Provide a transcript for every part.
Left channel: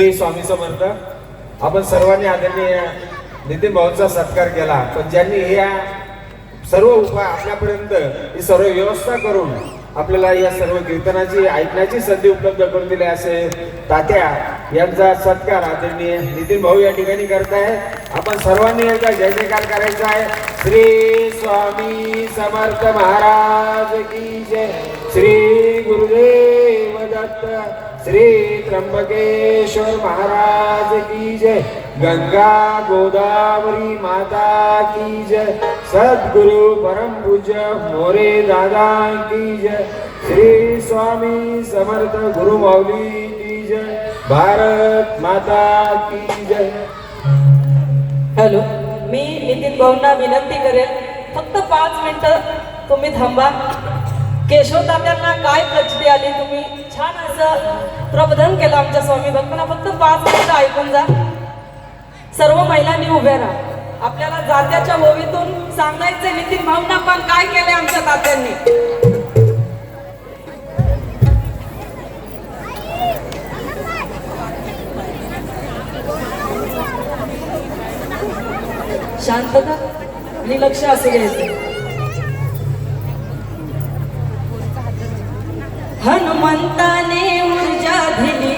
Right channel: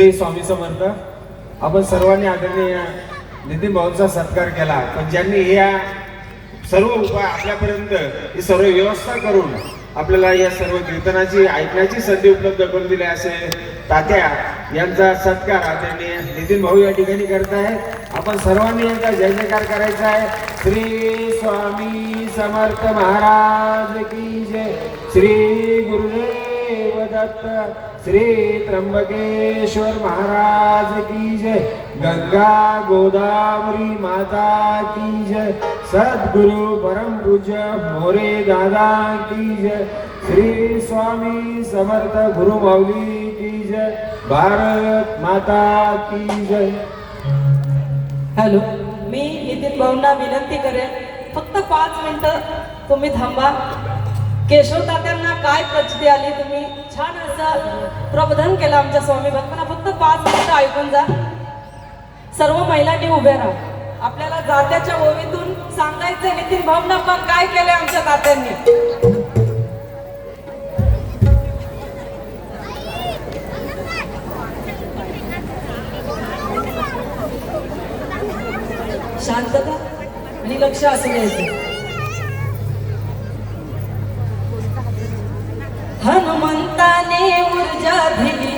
श्री स्वामी समर्थ. आपण सर्वांनी आदरणीय नितीन भाऊंचा सत्कार केला, पण ज्यांनी या सर्व उपाय आपल्यापर्यंत ही सर्व व्यवस्था करून आपल्याला या सर्व कीर्तनाची ऐकण्याची संधी उपलब्ध करून दिली असे तात्या यांचा सत्कार आदरणीय नितीन भाऊ या ठिकाणी करताय. आपण सर्वांनी यांचा जय जयकार करायचा आहे. श्री स्वामी समर्थ महाराज की जय. श्री गुरुदेव दत्त. श्री त्र्यंबकेश्वर महाराज की जय. गंगा गोदावरी माता की जय. सद्गुरु परम पूज्य मोरे दादा की जय. श्री स्वामी समर्थ गुरु माऊली की जय. भारत माता की जय. हॅलो, मी नितीन भाऊंना विनंती करेन, फक्त 5 मिनिटं तुम्ही थांबा. केशव तात्यांना काय प्रचिती आली, तुम्ही छान असं प्रबोधन केलं आमच्या स्वामी भक्तांना. फक्त 5 मिनिटं ऐकून जा. सर्व महिलांनी उभे राहा. आपल्याला जात्याच्या ओवीतून सांगायचं नितीन भाऊंना पण काय केले आमच्या तात्यांनी. शांतता आणि लक्ष असं घ्यायचं. हनुमंताने ऊर्जा दिली.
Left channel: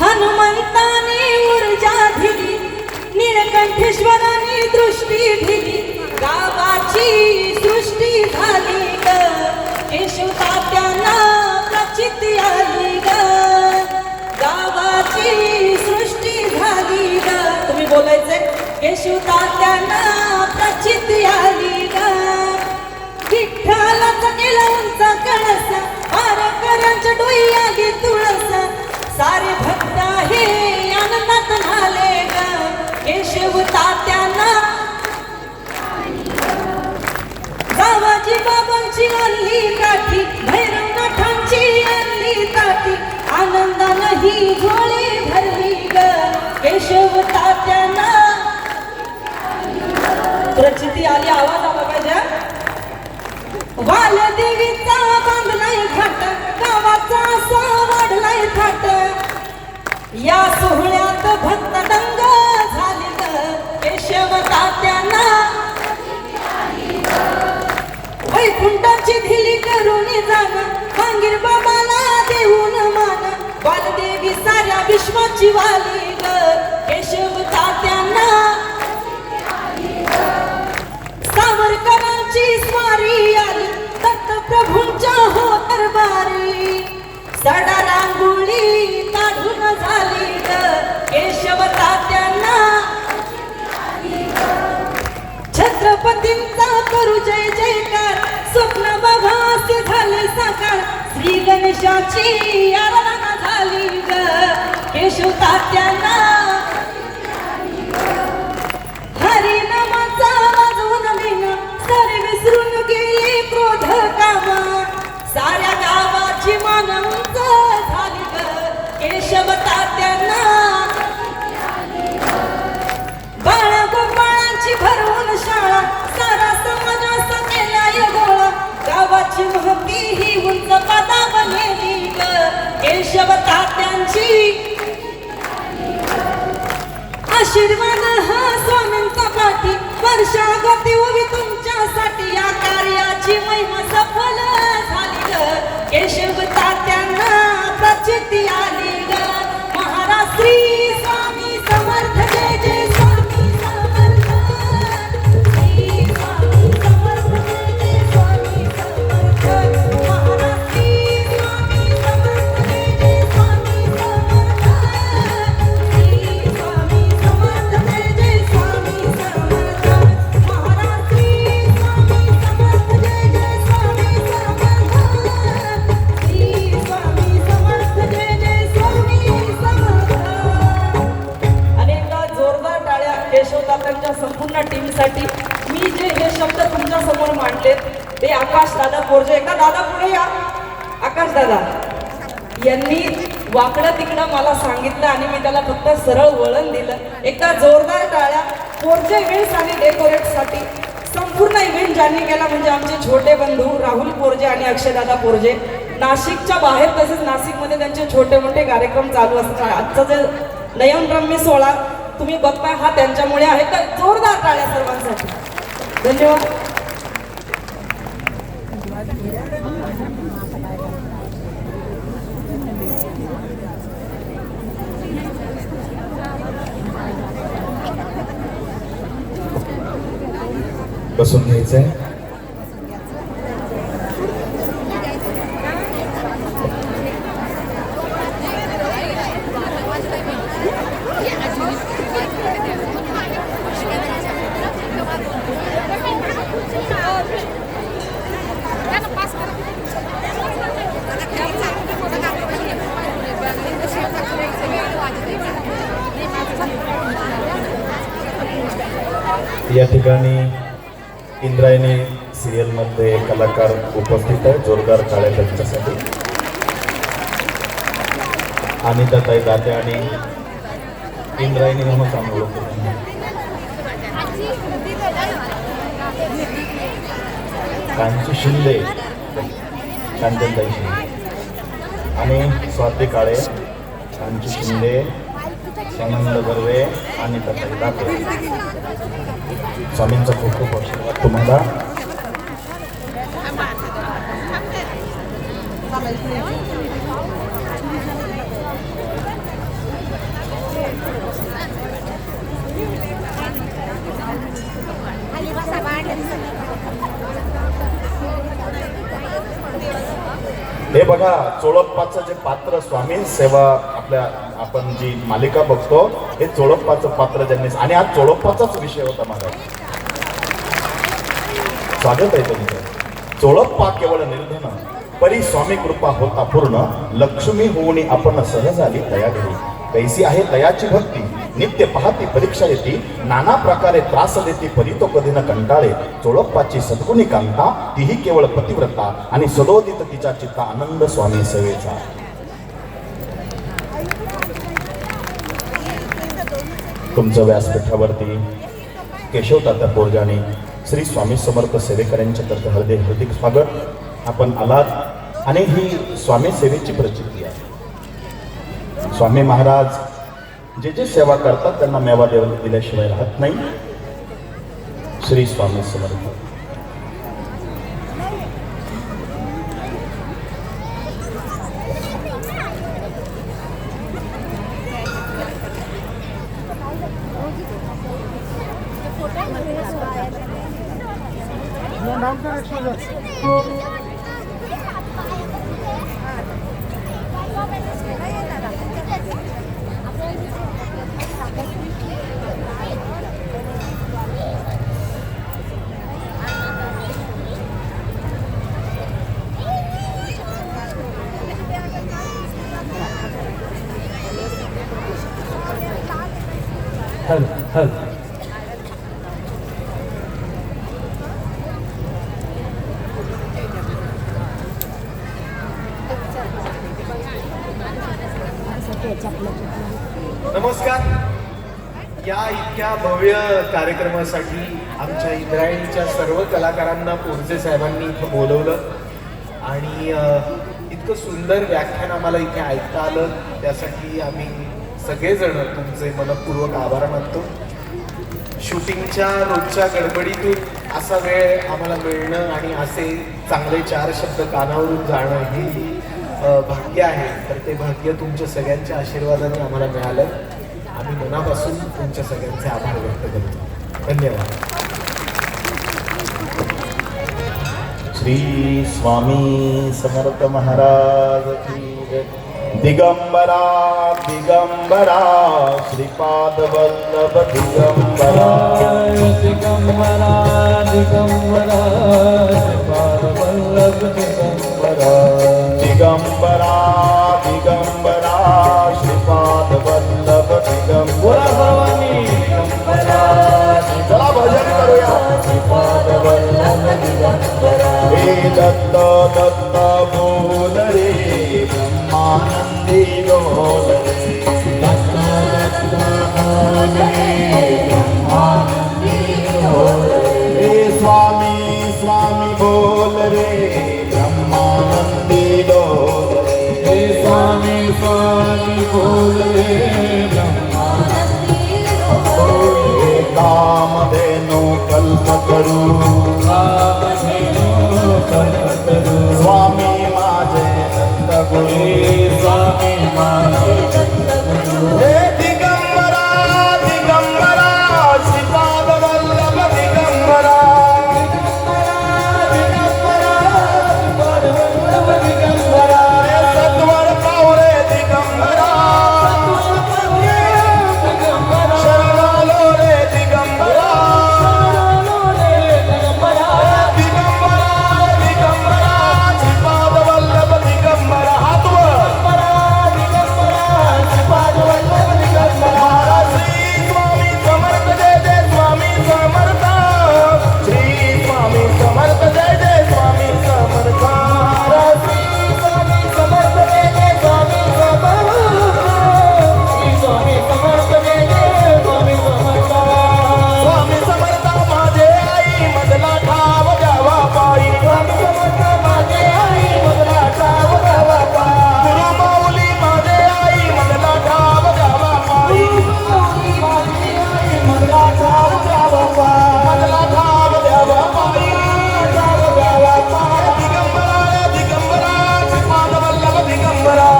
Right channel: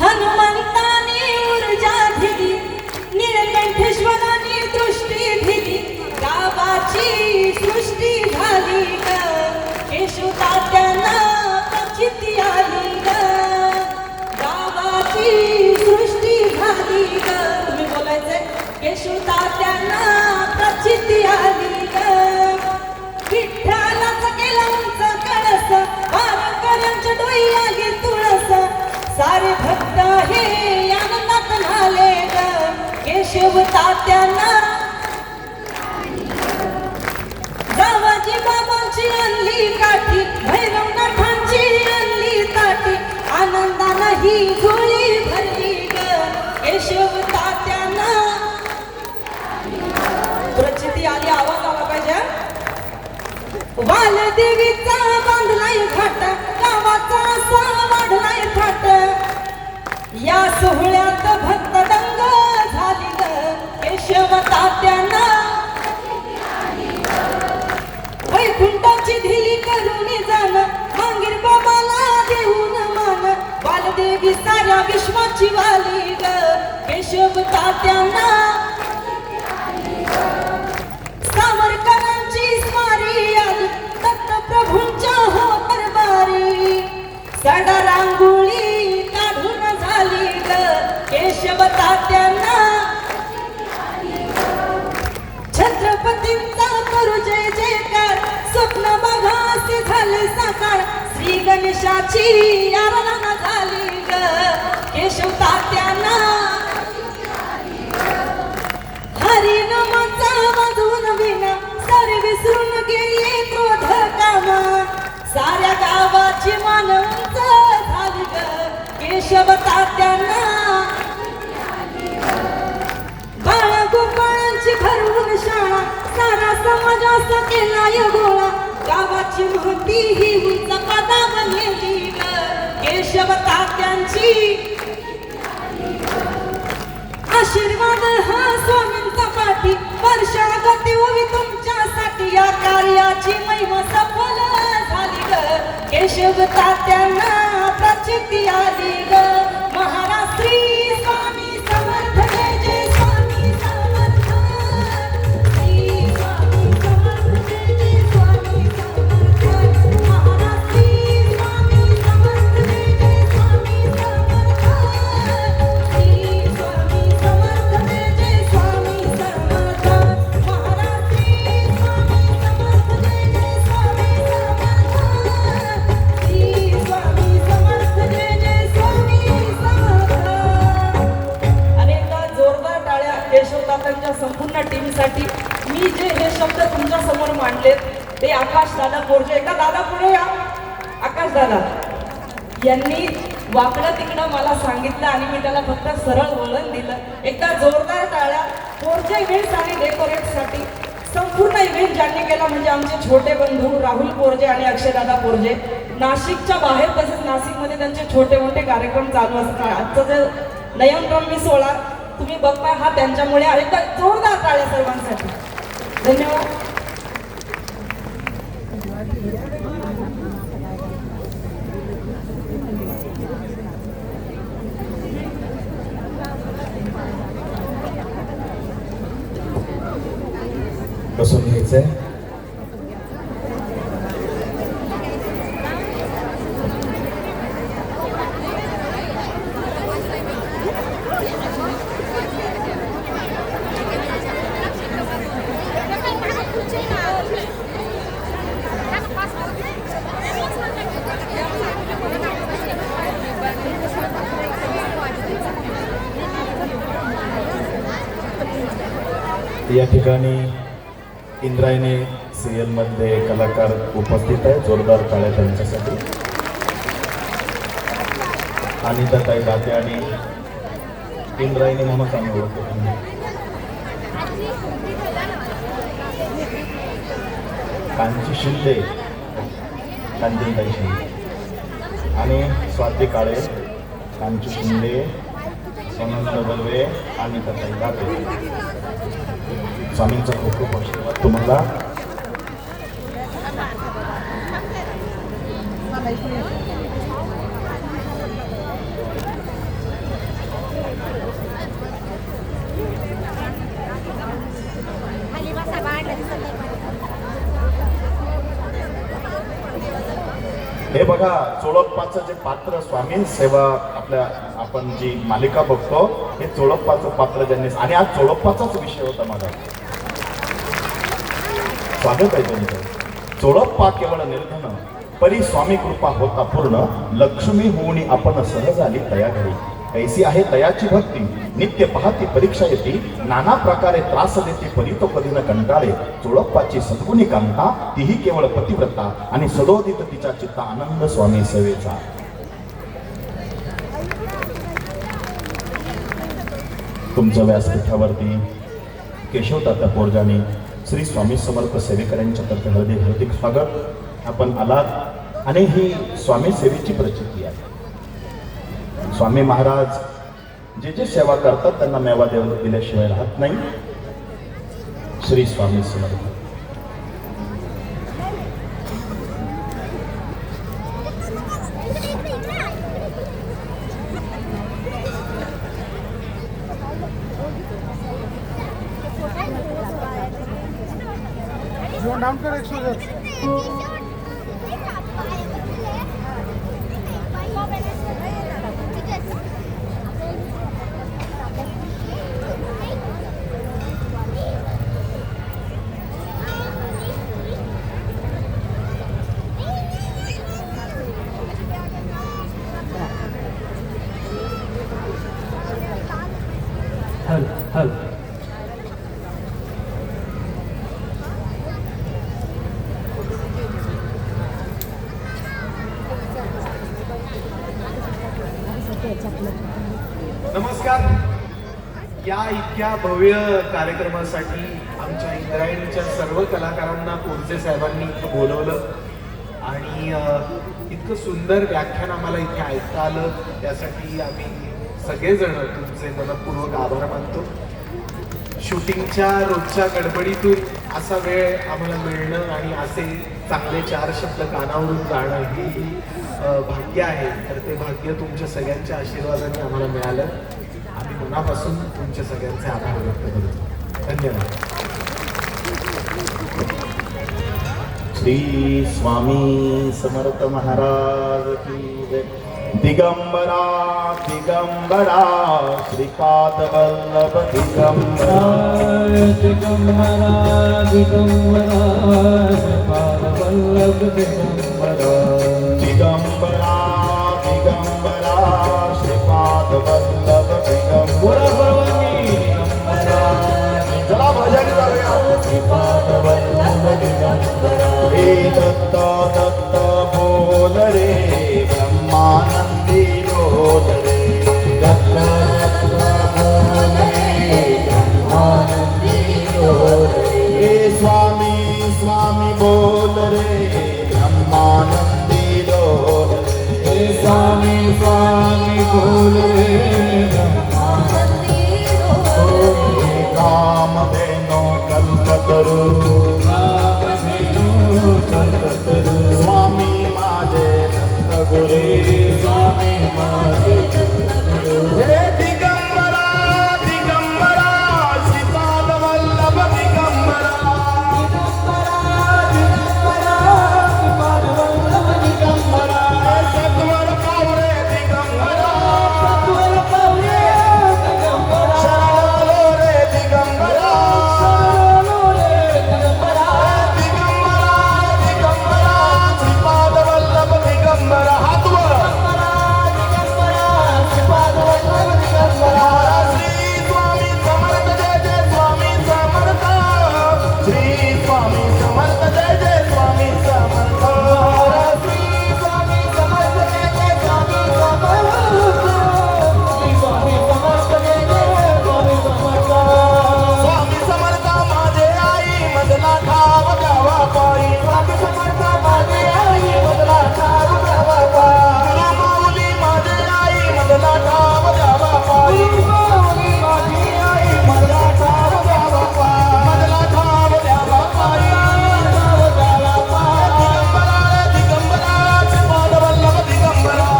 हनुमंताने ऊर्जा दिली, निळकंठेश्वराने दृष्टी दिली, गावाची सृष्टी झाली ग. केशव तात्यांना प्रचिती आली ग, गावाची सृष्टी झाली ग. तुम्ही बोलायचंय. केशव तात्यांना प्रचिती आली ग. विठ्ठलाचा केला उंचा कळसा, वारकऱ्यांच्या डोई आली तुळसा. सारे भक्त हे आनंदात झाले ग. केशव तात्यांना जावाजी बाबांची आणली काठी, भैरवनाथांची आणली ताटी. आनंदानं ही झोळी भरली ग. केशव तात्यांना प्रचिती आली. आवाज आला पाहिजे. वालदेवीचा बांधलाय घाट, गावाचा असा वाढलाय थाट. या सोहळ्यात भक्त दंग झाली ग. केशव तात्यांना वैकुंठाची धिली करून जाण, मांगीर बाबाला देऊन मान. वालदेवी साऱ्या विश्वाची वाली ग. केशव तात्यांना सावरकरांची स्वारी आली, दत्तप्रभूंच्या हो दरबारी. सडा रांगोळी काढून झाली ग. केशव तात्यांना छत्रपतींचा करू जय जयकार. स्वप्न बघास झाले साकार. श्री गणेशाची आराधना झाली ग. केशव तात्यांना हरी नामाचा वाजवून विना, सारे विसरून गेले क्रोध कामा. साऱ्या गावाची मान उंच झाली ग. केशव तात्यांना बाळा गोपाळांची भरवून शाळा, सारा समाजास केलाय गोळा. गावाची महती ही उंच पदावर नेली ग. केशव तात्यांची आशीर्वाद हा स्वामींचा पाठी. वर्षागती उभी तुमच्यासाठी, या कार्याची महिमा सफल झाली ग. केशव तात्यांना प्रचिती आली ग. महाराज श्री स्वामी समर्थ. जय जय स्वामी समर्थ. श्री स्वामी समर्थ. जय जय स्वामी समर्थ. महाराज श्री स्वामी समर्थ. जय जय स्वामी समर्थ. श्री स्वामी समर्थ. जय जय स्वामी समर्थ. महाराज श्री स्वामी समर्थ. जय जय स्वामी समर्थ. श्री स्वामी समर्थ. जय जय स्वामी समर्थ. अनेकदा जोरदार टाळ्या केशव तात्यांच्या संपूर्ण टीमसाठी. मी जे हे शब्द तुमच्या समोर मांडले ते आकाश दादा मोर्जे. एका दादा पुढे या. आकाश दादा यांनी वाकडं तिकडं मला सांगितलं आणि मी त्याला फक्त सरळ वळण दिलं. एकदा जोरदार टाळ्या मोर्चे विल्स आणि डेकोरेटसाठी. संपूर्ण इव्हेंट ज्यांनी केला म्हणजे आमचे छोटे बंधू राहुल पोरजे आणि अक्षयदादा पोरजे. नाशिकच्या बाहेर तसेच नाशिकमध्ये त्यांचे छोटे मोठे कार्यक्रम चालू असतात. आजचा जे नयनरम्य सोहळा तुम्ही बघताय हा त्यांच्यामुळे आहे. तर जोरदार टाळ्या सर्वांसाठी. धन्यवाद. बसून घ्यायचंय. या ठिकाणी इंद्रायणी सिरियल मध्ये कलाकार उपस्थित आहेत. जोरदार टाळ्या त्यांच्यासाठी. अनिताताई दाते आणि इंद्रायणी म्हणून सांगू. कांची शिंदे, कांचनताई शिंदे आणि स्वाती काळे, कांची शिंदे, आनंद बर्वे आणि दाते. स्वामींचा खूप खूप वर्ष तुम्हाला. हे बघा चोळप्पाचं जे पात्र स्वामी सेवा आपल्या आपण जी मालिका बघतो हे चोळप्पाचं पात्र ज्यांनी आणि हा चोळप्पाचाच विषय होता माझा. स्वागत आहे तुमचं. चोळप्पा केवळ निर्धन परी स्वामी कृपा होता पूर्ण लक्ष्मी होऊनी आपण सहज आली तया घरी. कैसी आहे तयाची भक्ती नित्य पाहती परीक्षा येते नाना प्रकारे त्रास देते परी तो कधी न कंटाळे. चोळप्पाची सद्गुणी कांता तीही केवळ पतिव्रता आणि सदोदित तिच्या चित्ता आनंद स्वामी सेवेचा. तुमचं व्यासपीठावरती केशव तात्या पोरजानी श्री स्वामी समर्थ सेवेकरांच्या तर्फे हार्दिक स्वागत. आपण आलात आणि ही स्वामी सेवेची प्रचिती आहे. स्वामी महाराज जे जे सेवा करतात त्यांना मेवा दिल्याशिवाय राहत नाही. श्री स्वामी समर्थ. नमस्कार. या इतक्या भव्य कार्यक्रमासाठी आमच्या इंद्रायणीच्या सर्व कलाकारांना पोरजे साहेबांनी इथं बोलवलं आणि इतकं सुंदर व्याख्यान आम्हाला इथे ऐकता आलं त्यासाठी आम्ही सगळेजण तुमचे मनपूर्वक आभार मानतो. शूटिंगच्या रोजच्या गडबडीतून असा वेळ आम्हाला मिळणं आणि असे चांगले 4 शब्द कानावरून जाणं हे भाग्य आहे. तर ते भाग्य तुमच्या सगळ्यांच्या आशीर्वादाने आम्हाला मिळालं. आम्ही मनापासून तुमच्या सगळ्यांचे आभार व्यक्त करतो. धन्यवाद. श्री स्वामी समर्थ महाराज की जय. दिगंबरा दिगंबरा श्रीपाद वल्लभ दिगंबरा दिगंबरा दिगंबरा श्रीपाद वल्लभ दिगंबरा दिगंबरा दिगंबरा श्रीपाद वल्लभ दिगंबरा. चला भजन करूया. श्रीपाद वल्लभ दिगंबरा. हे दत्त दत्त बोल रे ब्रह्मानंदी बोल रे. दत्त दत्त बोल रे ब्रह्मानंदी बोल रे. हे बोलवे ब्रह्मा कामधेनो कल्पतरू कामधेनो कल्पतरू स्वामी माझे दत्तगुरु स्वामी माझे दत्तगुरु हे दिगंबरा दिगंबरा श्रीपाद वल्लभ दिगंबरा हे सत्वर पावरे दिगंबरा शरणालो रे दिगंबरा दिगंबरा दिगंबरा श्रीपाद वल्लभ दिगंबरा हात वर श्री स्वामी समर्थ जय जय स्वामी समर्थ श्री स्वामी समर्थ जय जय स्वामी समर्थ श्री स्वामी समर्थ जय जय स्वामी स्वामी समर्थ माझे आई मधला ठाव द्यावा पायी स्वामी समर्थ माझे आई मधला ठाव द्यावा पायी गुरु माऊली माझे आई मधला ठाव द्यावा पायी मधला ठाव द्यावा पायी मधला ठाव द्यावा पायी दिगंबरा रे दिगंबरा श्रीपाद वल्लभ दिगंबरा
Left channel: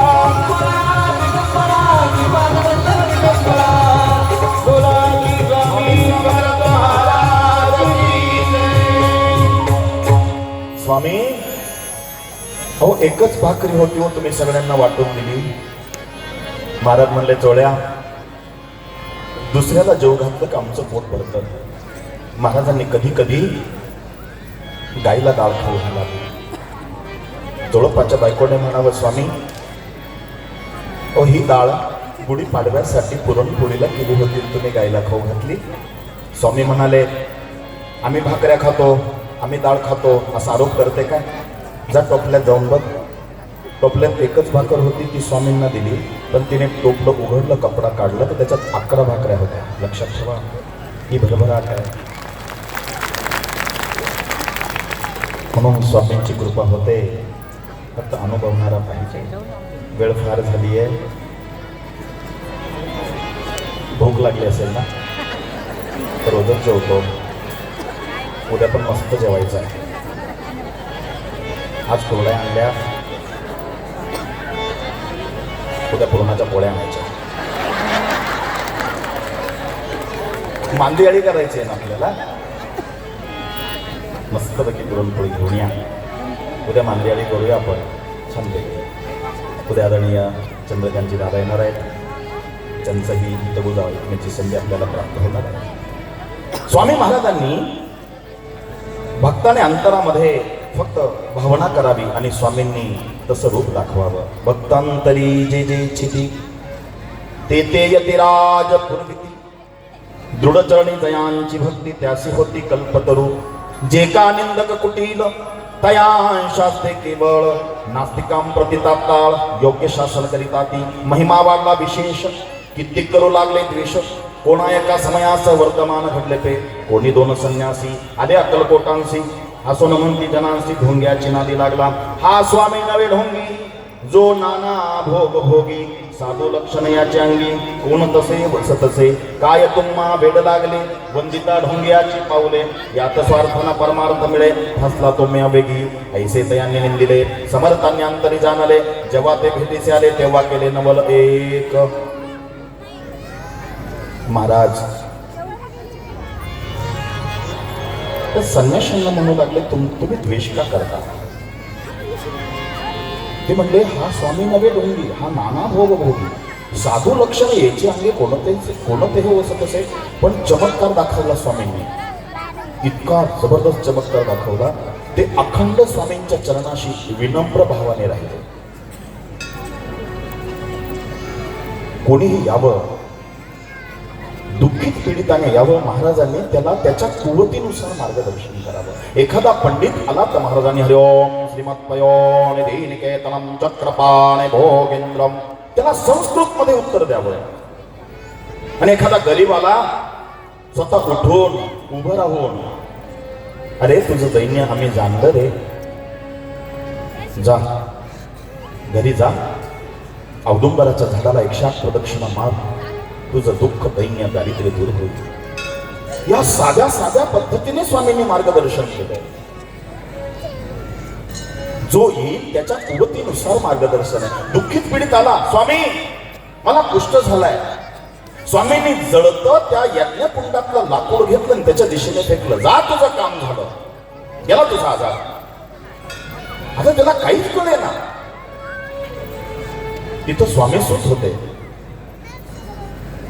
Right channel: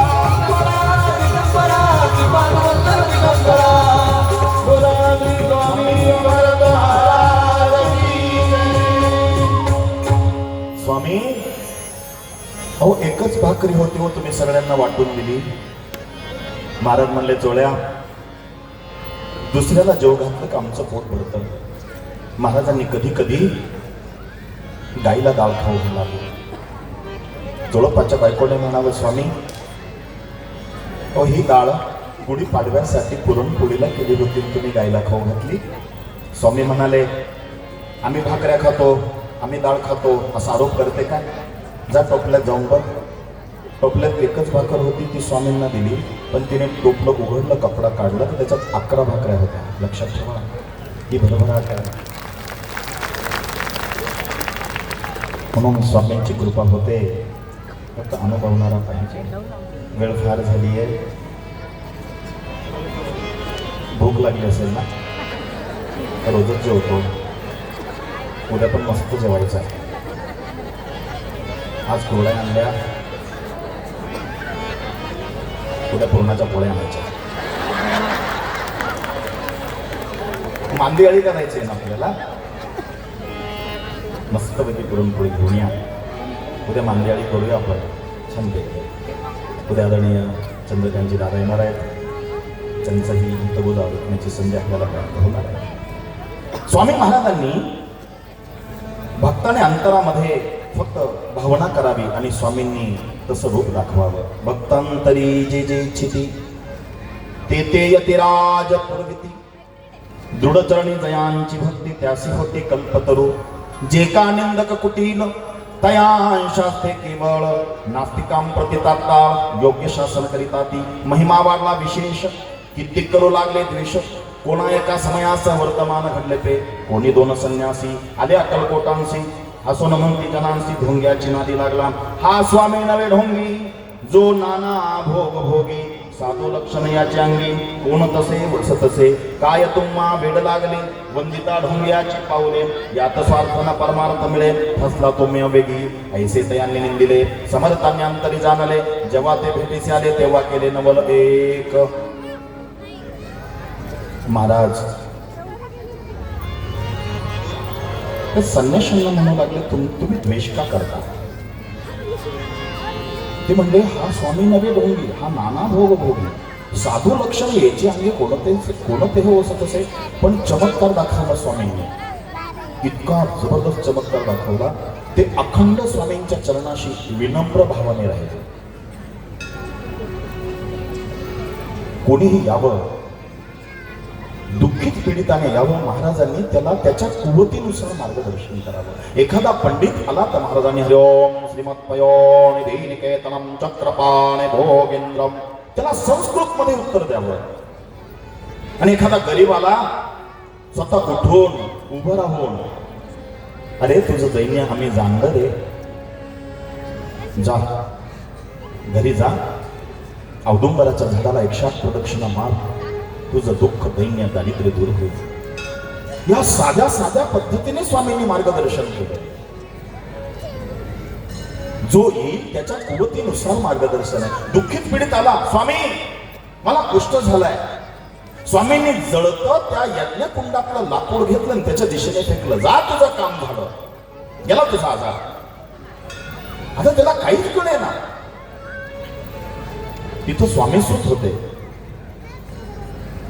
स्वामी अहो एकच भाकरी होती हो तुम्ही सगळ्यांना वाटून दिली महाराज म्हणले चोळ्या दुसऱ्याला जेव घातलं का आमचं पोट पडतं महाराजांनी कधी कधी गाईला डाळ खाऊ घाला जोडपाच्या बायकोने म्हणावं स्वामी ही डाळ गुढी पाडव्यासाठी पुरणपोळीला केली होती तुम्ही गाईला खाऊ घातली स्वामी म्हणाले आम्ही भाकऱ्या खातो आम्ही डाळ खातो असा आरोप करते का जा टोपल्यात जाऊन बघ टोपल्यात एकच भाकर होती ती स्वामींना दिली पण तिने टोपलं उघडलं कपडा काढला तर त्याच्यात 11 भाकऱ्या होत्या लक्षात ठेवा ही भरभराट आहे म्हणून स्वामींची कृपा होते फक्त अनुभवणारा पाहिजे वेळ फार झाली आहे भूक लागली असेल ना रोजच जेवतो उद्या पण मस्त जेवायचं आहे आज पोळ्या आणल्या उद्या पूर्णाच्या पोळ्या आणायच्या मांदी अळी करायची आहे ना आपल्याला मस्तपैकी पुरणपोळी घेऊन या उद्या मांदी अळी करूया आपण छान पैकी उद्या आदरणीय चंद्रकांतजी दादा येणार आहेत त्यांचंही तरुण ऐकण्याची संधी आपल्याला प्राप्त होणार स्वामी महाराजांनी भक्ताने अंतरामध्ये फक्त भावना करावी आणि स्वामींनी तसं रूप दाखवावं भक्तांतरी जे जे इच्छिती ते ते यतिराज पूर्विती दृढचरणी जयांची भक्ती त्यासी होती कल्पतरू जे का निंदक कुटील तया शास्त्रे केवळ नास्तिकां प्रति तात्काळ योग्य शासन करिता ती महिमा वागला विशेष कित्येक करू लागले द्वेष कोणा एका समयास वर्तमान घडले ते कोणी 2 संन्यासी आले अक्कलकोटांसी हसून म्हणती जनांसी ढोंग्याची नादी लागला हा स्वामी नवे ढोंगी जो नाना भोग भोगी साधू लक्षण याचे अंगी कोण तसे बसतसे काय तुम्हा वेड लागले वंदिता ढोंग्याची पावले यात स्वार्थना परमार्थ मिळे फसला तुम्ही वेगी ऐसे तयांनी निंदिले समर्थांनी अंतरी जाणले जेव्हा ते भेटीसे आले तेव्हा केले नवल एक महाराज तर संन्याशांना म्हणू लागले तुम्ही द्वेष का करता ते म्हणले हा स्वामी नवे डोंगी हा नाना भोग भोगी साधू लक्षण याचे अंगी कोणते हो असं कसे पण चमत्कार दाखवला स्वामींनी इतका जबरदस्त चमत्कार दाखवला ते अखंड स्वामींच्या चरणाशी विनम्र भावाने राहिले कोणीही यावं दुःखित पीडिताने यावं महाराजांनी त्याला त्याच्या कुवतीनुसार मार्गदर्शन करावं एखादा पंडित आला तर महाराजांनी हरिओम श्रीमत्पयो निकेतनम चक्रपाणे भोगेंद्रम त्याला संस्कृत मध्ये उत्तर द्यावं आणि एखादा गरीब आला स्वतः उठून उभं राहून अरे तुझं दैन्य आम्ही जाणलं रे जा घरी जा औदुंबराच्या झाडाला 108 प्रदक्षिणा मार, तुझं दुःख दैन्य दारिद्र्य दूर होईल. या साध्या साध्या पद्धतीने स्वामींनी मार्गदर्शन केलं. जो येईल त्याच्या कुवतीनुसार मार्गदर्शन आहे. दुःखित पीडित आला, स्वामी मला कुष्ठ झालाय. स्वामींनी जळतं त्या यज्ञकुंडातलं लाकूड घेतलं आणि त्याच्या दिशेने फेकलं. जा, तुझं काम झालं, गेला तुझा आजार. आता त्याला काहीच कळे ना. तिथं स्वामी सुख होते.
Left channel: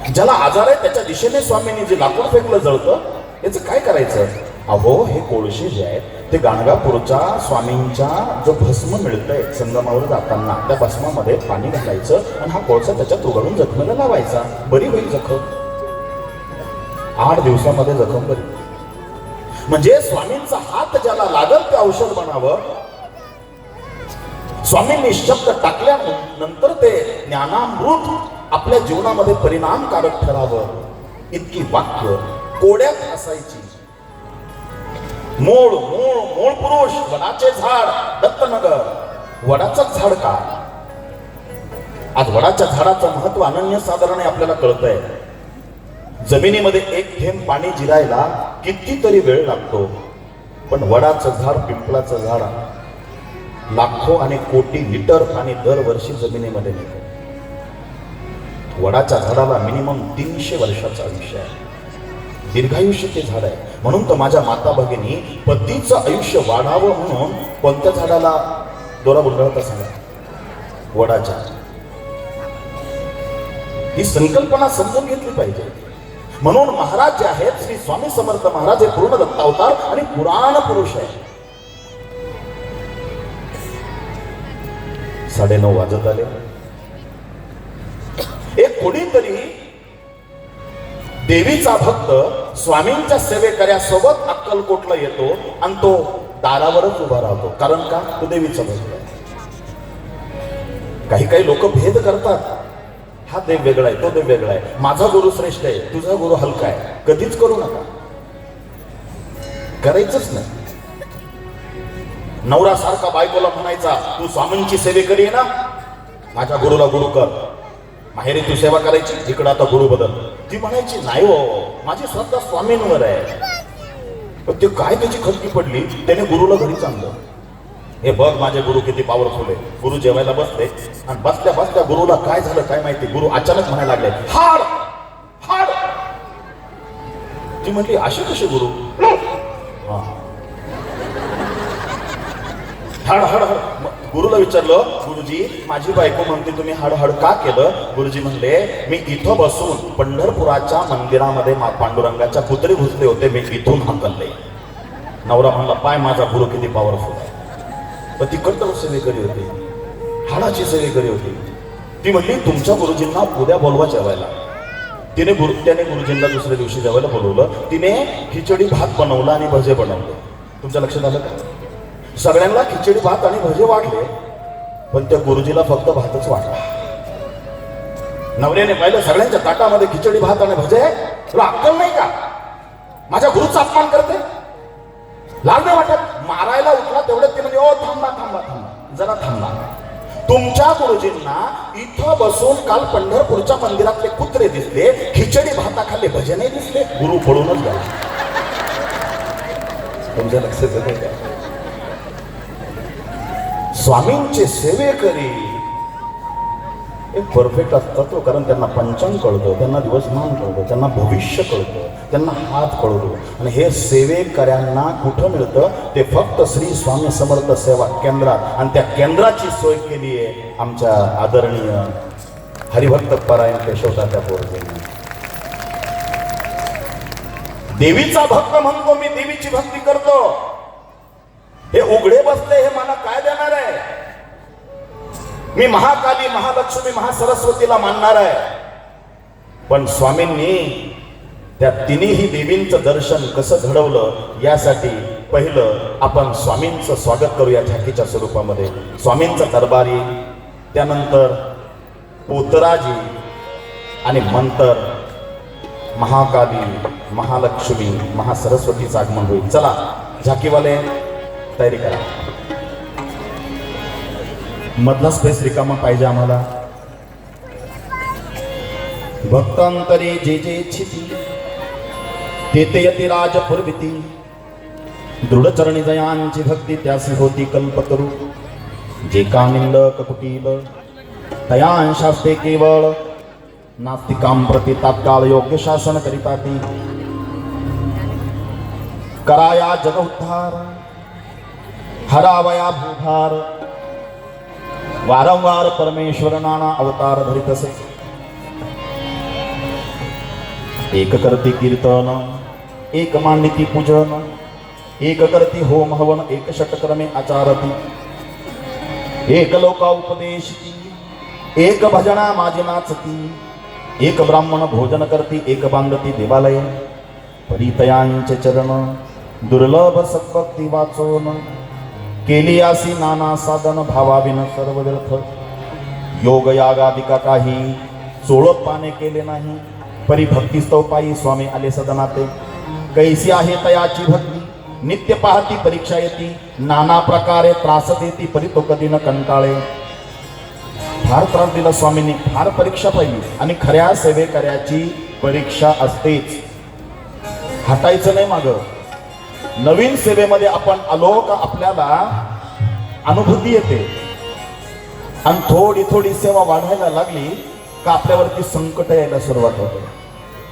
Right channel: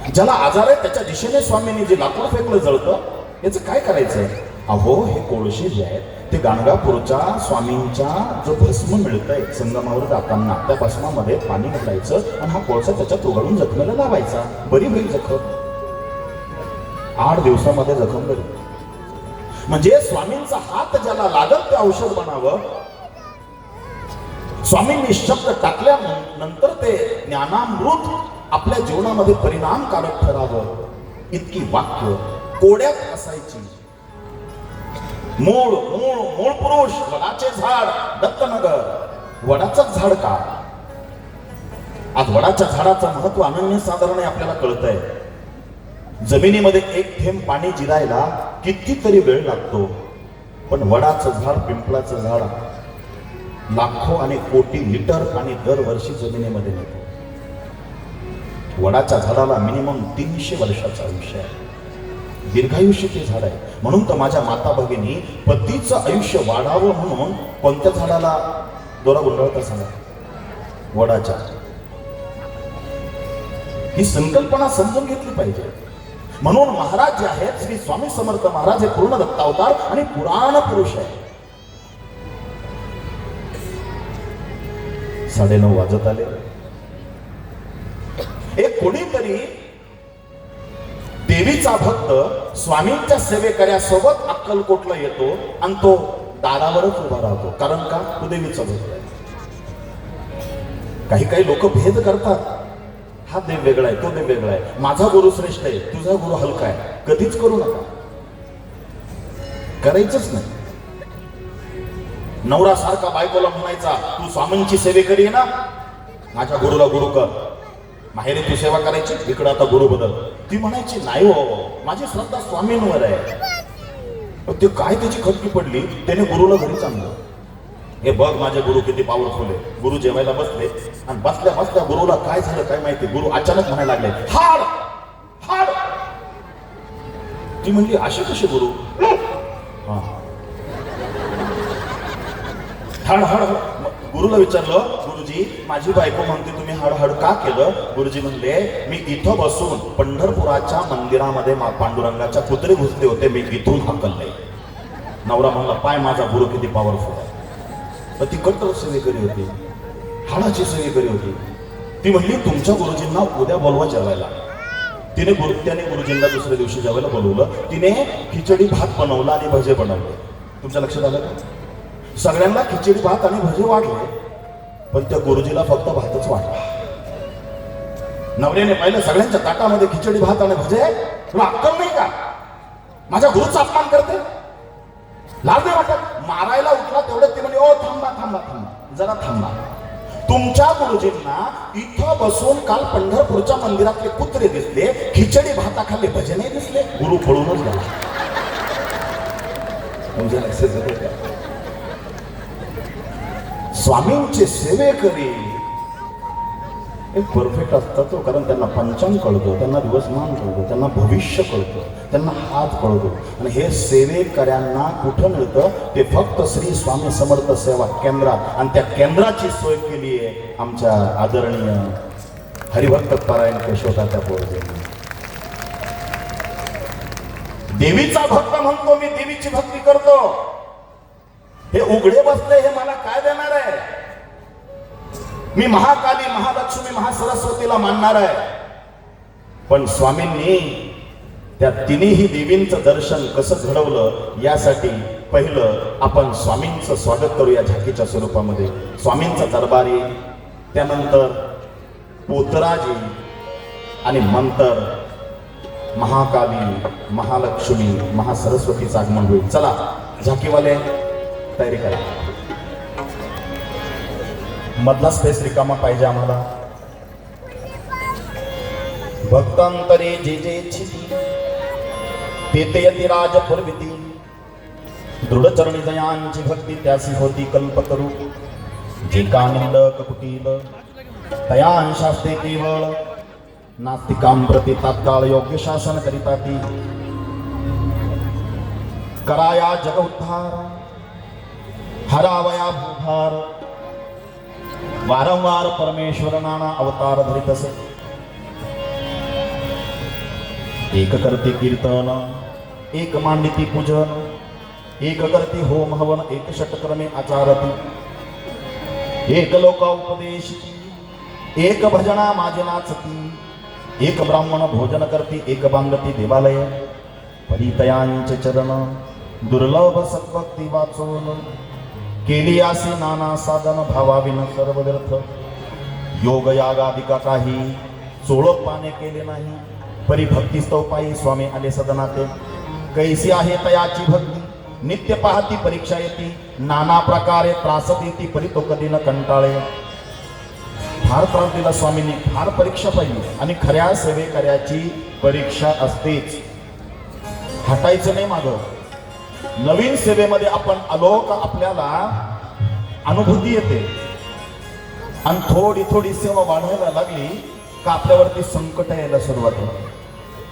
ज्याला आजार आहे त्याच्या दिशेने स्वामींनी जे लाकूड फेकलं जळतं, याचं काय करायचंय? अहो, हे कोळशी जे आहेत ते गाणगापूरच्या स्वामींच्या जो भस्म मिळतंय संगमावर जाताना, त्या भस्मामध्ये पाणी घालायचं आणि हा कोळसा त्याच्यात उघडून जखमेला लावायचा. बरी होईल जखम. 8 दिवसांमध्ये जखम बरी. म्हणजे स्वामींचा हात ज्याला लागल ते औषध बनावं. स्वामींनी शब्द टाकल्यानंतर ते ज्ञानामृत आपल्या जीवनामध्ये परिणामकारक ठरावं. इतकी वाक्य कोड्यात असायची. मूळ मूळ मूळ पुरुष वडाचे झाड, दत्तनगर. वडाचं झाड का? आज वडाच्या झाडाचं महत्व अनन्यसाधारण आपल्याला कळतंय. जमिनीमध्ये एक थेंब पाणी जिरायला कितीतरी वेळ लागतो, पण वडाचं झाड, पिंपळाचं झाड लाखो आणि कोटी लिटर पाणी दरवर्षी जमिनीमध्ये मिळते. वडाच्या झाडाला मिनिमम 300 वर्षाचं आयुष्य आहे. दीर्घायुष्य ते झाड आहे. म्हणून तर माझ्या माता भगिनी पतीचं आयुष्य वाढावं म्हणून कोणत्या झाडाला दोरा गुंडाळत असणार? वडाच्या. ही संकल्पना समजून घेतली पाहिजे. म्हणून महाराज जे आहेत श्री स्वामी समर्थ महाराज हे पूर्ण दत्तावतार आणि पुराण पुरुष आहे. 9:30 वाजत आले. एक कोणीतरी देवीचा भक्त स्वामींच्या सेवेकऱ्यासोबत अक्कलकोटला येतो आणि तो दारावरच उभा राहतो. कारण का? तो देवीचा भक्त. काही काही लोक भेद करतात. हा देव वेगळा आहे, तो देव वेगळा आहे, माझा गुरु श्रेष्ठ आहे, तुझा गुरु हलका आहे. कधीच करू नका, करायचंच नाही. नवरा सारखा बायकोला म्हणायचा, तू स्वामींची सेवेकरी आहे ना, माझ्या गुरुला गुरु कर. माहेरी तू सेवा करायची, इकडं आता गुरु बदल. ती म्हणायची, नाही हो, माझी श्रद्धा स्वामींवर आहे. ते काय त्याची खटकी पडली, त्याने गुरुला घरी चांगलं. हे बघ माझे गुरु किती पॉवरफुल आहे. गुरु जेवायला बसले आणि बसल्या बसल्या गुरुला काय झालं काय माहिती, गुरु अचानक म्हणायला लागले, हाड हाड. ती म्हणली, असे कसे गुरु? हा, हाड हाड. गुरुला विचारलं, गुरुजी माझी बायको म्हणते तुम्ही हडहड का केलं? गुरुजी म्हणले, मी इथं बसून पंढरपुराच्या मंदिरामध्ये पांडुरंगाच्या पुतळी घुसले होते, मी इथून हाकलले. नवरा म्हणला, पाय माझा गुरु किती पॉवरफुल. पण ती कर्तव्य सेवेकरी होती, हाडाची सेवेकरी होती. ती म्हणली, तुमच्या गुरुजींना उद्या बोलवा जेवायला. त्याने गुरुजींना दुसऱ्या दिवशी जेवायला बोलवलं. तिने खिचडी भात बनवला आणि भजे बनवले. तुमच्या लक्षात आलं का? सगळ्यांना खिचडी भात आणि भजे वाढले, पण त्या गुरुजीला फक्त भातच वाटला. नवऱ्याने पाहिलं, सगळ्यांच्या ताटामध्ये खिचडी भात आणि भजे, तुला अक्कल नाही का? माझ्या गुरुचा अपमान करते, लाज नाही वाटत? मारायला उठला तेवढ्यात ते म्हणे, ओ थांबा थांबा थांबा, जरा थांबा. तुमच्या गुरुजींना इथं बसून काल पंढरपूरच्या मंदिरातले कुत्रे दिसले, खिचडी भाताखाली भजे नाही दिसले. गुरु पळूनच गेला. तुमच्या लक्षात येतं? स्वामींचे सेवेकरी एक परफेक्ट असतात तो, कारण त्यांना पंचांग कळतो, त्यांना दिवसमान कळतो, त्यांना भविष्य कळतं, त्यांना हात कळतो. आणि हे सेवेकऱ्यांना कुठं मिळतं? ते फक्त श्री स्वामी समर्थ सेवा केंद्रात. आणि त्या केंद्राची सोय केली आहे आमच्या आदरणीय हरिभक्त परायण केशवतात्या पोळगे. देवीचा भक्त म्हणतो मी, देवीची भक्ती करतो. हे उघडे बसले, हे मला काय देणार आहे? मी महाकाली, महालक्ष्मी, महासरस्वतीला मानणार आहे. पण स्वामींनी त्या तिन्ही देवींचं दर्शन कसं घडवलं, यासाठी पहिलं आपण स्वामींचं स्वागत करूया झाकीच्या स्वरूपामध्ये. स्वामींचा दरबारी, त्यानंतर पोतराजी आणि मंत्र महाकाली, महालक्ष्मी, महासरस्वतीचं आगमन होईल. चला झाकीवाले तयारी करा. मधला स्पेस रिकामा पाहिजे आम्हाला. भक्तांतरे जे जे छिती तेते यती राजपुरविती दृढ चरणी जयांची भक्ती त्यासी होती कल्प करू जे कामिंद ककुटील तयांशास्ते केवळ नास्तिकां प्रति तात्काळ योग्य शासन करिता ती कराया जग उद्धार हरावया भूभार वारंवार परमेश्वर नाना अवतार धरित असे एक करती कीर्तन एक मांडिती पूजन एक करती होम हवन एक षटक्रमे आचारती एक लोका उपदेशती एक भजना माझी नाचती एक ब्राह्मण भोजन करती एक बांधती देवालय परितयांचे चरण दुर्लभ सद्भक्ती वाचून केली आसी नाना साधन भावाविन सर्व व्यर्थ योग यागादिका काही चोळपाने केले नाही परिभक्ती स्तव पायी स्वामी आले सदनाते कैसी आहे तयाची भक्ती नित्य पाहती परीक्षा येती नाना प्रकारे त्रास देती परी तो कधी न कंटाळे फार त्रास दिला स्वामींनी फार परीक्षा पाहिली आणि खऱ्या सेवेकऱ्याची परीक्षा असतेच हटायचं नाही माग नवीन सेवेमध्ये आपण आलो का आपल्याला अनुभूती येते आणि थोडी थोडी सेवा वाढवायला लागली का आपल्यावरती संकट यायला सुरुवात होते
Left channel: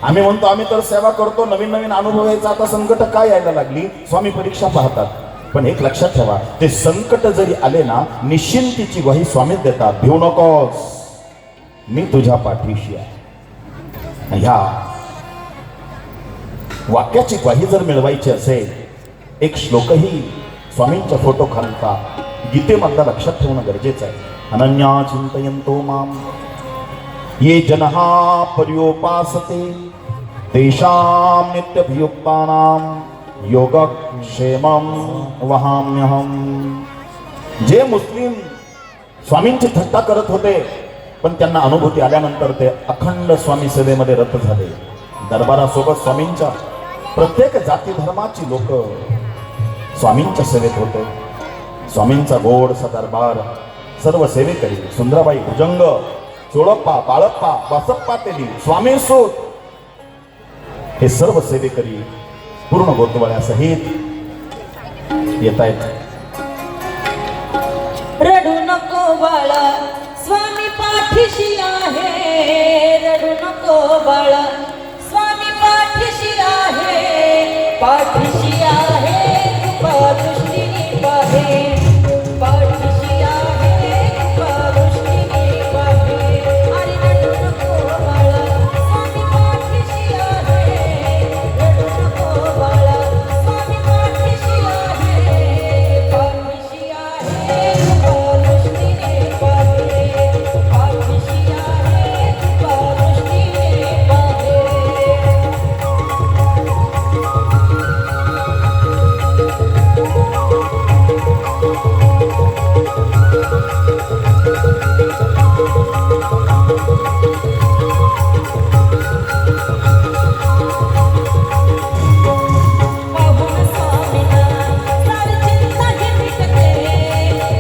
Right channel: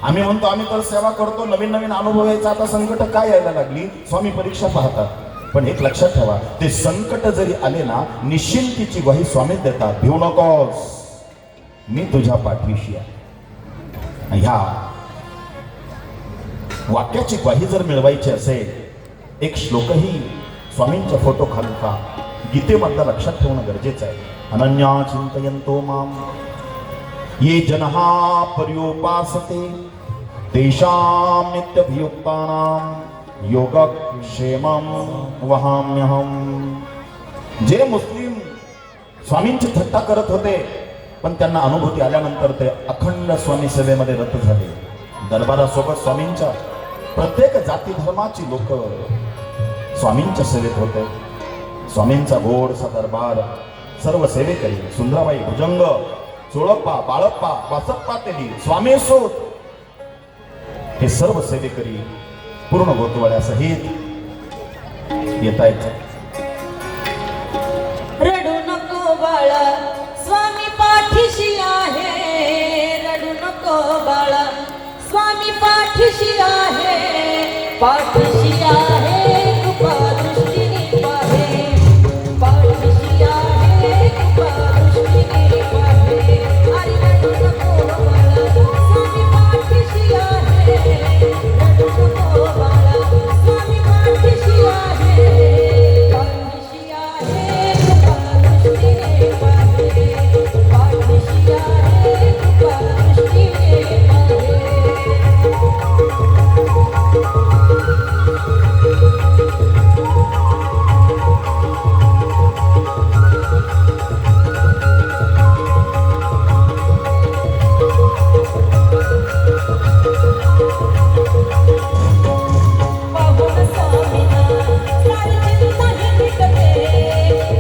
आम्ही म्हणतो आम्ही तर सेवा करतो नवीन नवीन अनुभव यायचा आता संकट काय यायला लागली स्वामी परीक्षा पाहतात पण एक लक्षात ठेवा ते संकट जरी आले ना निश्चिंतीची ग्वाही स्वामीच देतात भिऊ नकोस मी तुझ्या पाठीशी आहे ह्या वाक्याची ग्वाही जर मिळवायची असेल एक श्लोकही स्वामींच्या फोटो खालचा गीतेमधला लक्षात ठेवणं गरजेचं आहे अनन्या चिंतयन्तो माम ये जनः पर्योपासते तेषां नित्यभियुक्तानां योगक्षेमं वहाम्यहम् जे मुस्लिम स्वामींची थट्टा करत होते पण त्यांना अनुभूती आल्यानंतर ते अखंड स्वामी सेवेमध्ये रत झाले दरबारासोबत स्वामींच्या प्रत्येक जाती धर्माची लोक स्वामींच्या सेवेत होते स्वामींचा गोडसा दरबार सर्व सेवेकरी सुंदराबाई भुजंग चोळप्पा बाळप्पा वासप्पा तेली स्वामी सूत हे सर्व सेवेकरी पूर्ण गोतवाळ्यासहित येत आहेत रडू नको बाळा स्वामी पाठीशी आहे रडू नको बाळा स्वामी पाठीशी आहे पाठीशी आहे कृपा दृष्टीने पाहे पाठीशी आहे कृपा दृष्टीने पाहे अरे रडू नको बाळा स्वामी पाठीशी आहे रडू नको बाळा स्वामी पाठीशी आहे पाठीशी आहे कृपा दृष्टीने पाहे पाठीशी आहे कृपा दृष्टीने पाहे पाहुन स्वामीना सारी चिंता ही मिटते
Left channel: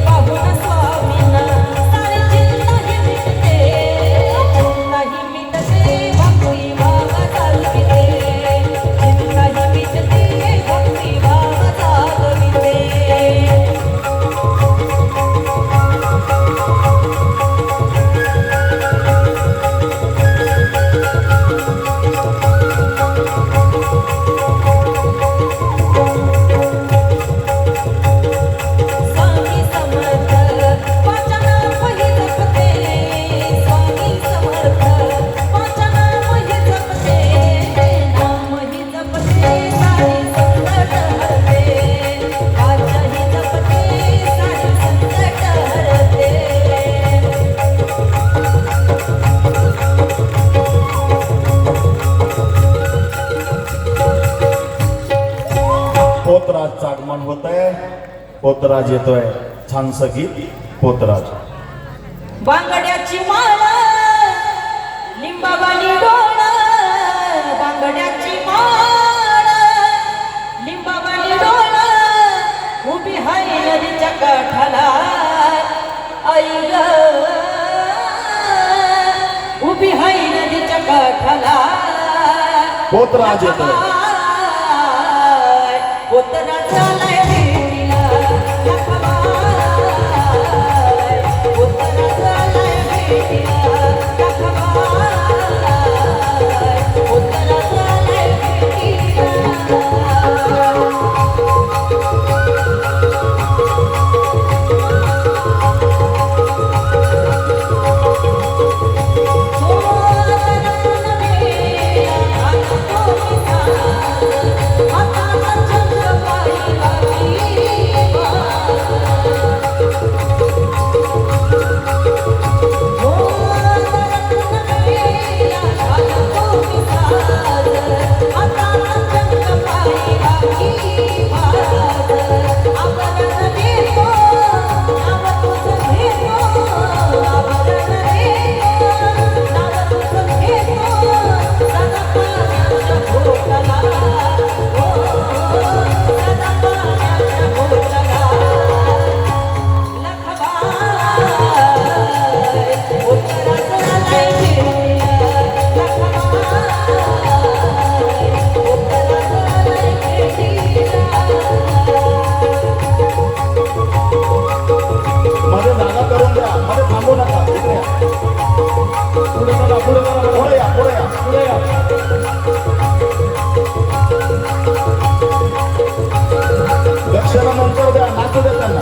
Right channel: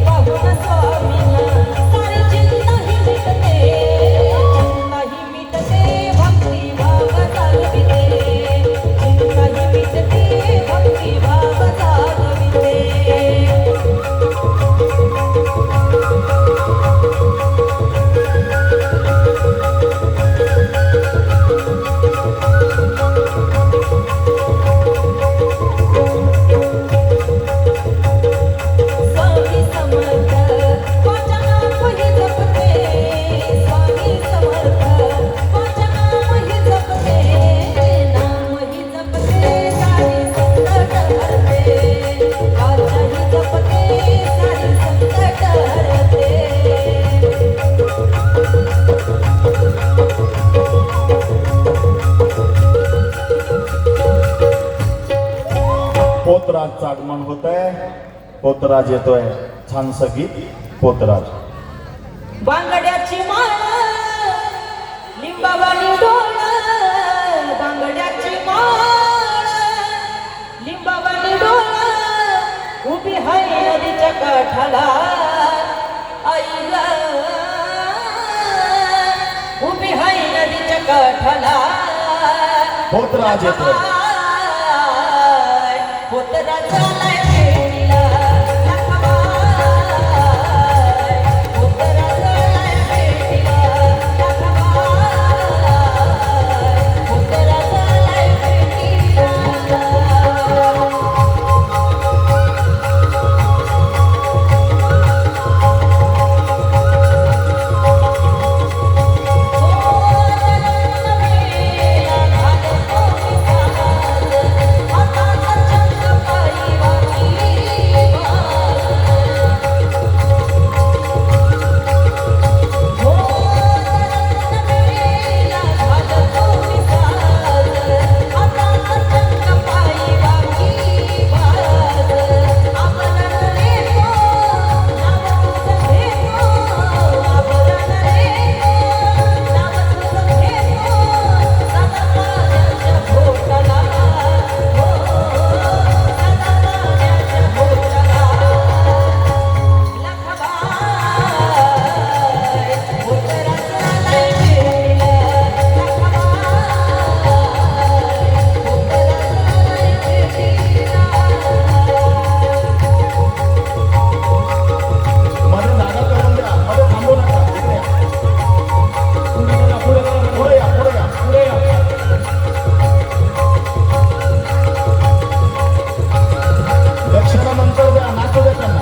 पाहुन स्वामीना सारी चिंता ही मिटते भक्ती भाव चालविते चिंता ही मिटते भक्ती भाव चालविते स्वामी समर्थ माझ्या नामही जपते स्वामी समर्थ माझ्या नामही जपते नामही जपते सारी संकट हरते माझ्याही जपते सारी संकट हरते पोतराजचं आगमन होत आहे पोतराज येतोय छानसं गीत पोतराज बांगड्याची माळ लिंबावानी डोळ बांगड्याची माळ लिंबावानी डोळ उभी हाय नदीच्या काठाला आई ग उभी हाय नदीच्या काठाला पोतराज येतोय. पोतराज आलाय भेटीला, पोतराज आलाय भेटीला, पोतराज आलाय भेटीला. मध्ये जागा करून द्या, मध्ये थांबू नका. इकडे या. पुढे बघा, पुढे बघा, पुढे या, पुढे या, पुढे या. दक्षिणा नंतर द्या, नाचू द्या त्यांना.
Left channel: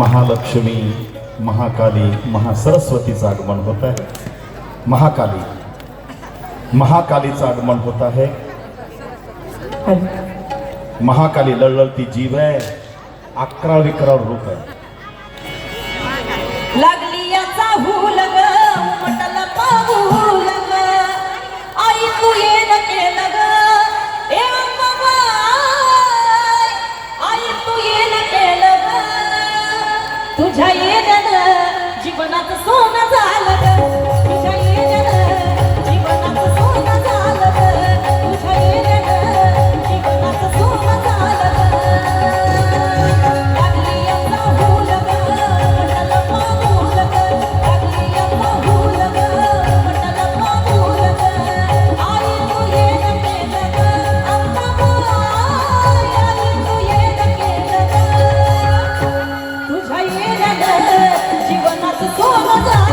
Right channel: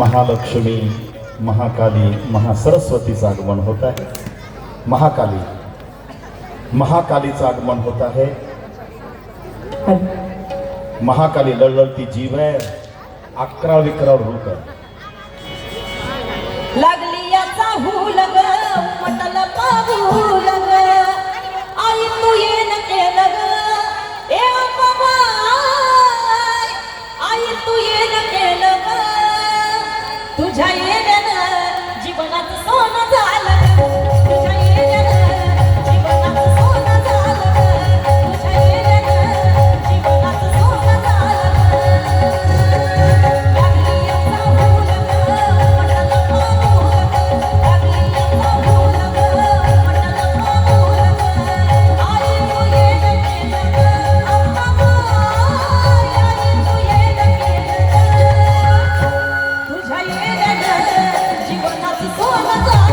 महालक्ष्मी, महाकाली, महासरस्वतीचं आगमन होत आहे. महाकालीचं आगमन होत आहे. महाकाली लढलढती जीव आहे, 11 रूप आहे. लागली याचा हुलग म्हटल पाहुलग आई तू येन केलं ग ए बाबा आई तू येन केलं ग तुझ्या येण्यानं जीवनात सोनं झालं ग तुझ्या येण्यानं जीवनात सोनं झालं ग तुझ्या येण्यानं जीवनात सोनं झालं ग लागली याचा हुलग म्हटल पाहुलग लागली याचा हुलग म्हटल पाहुलग आई तू येन केलं ग बाबा आई तू येन केलं ग तुझ्या येण्यानं जीवनात सोनं झालं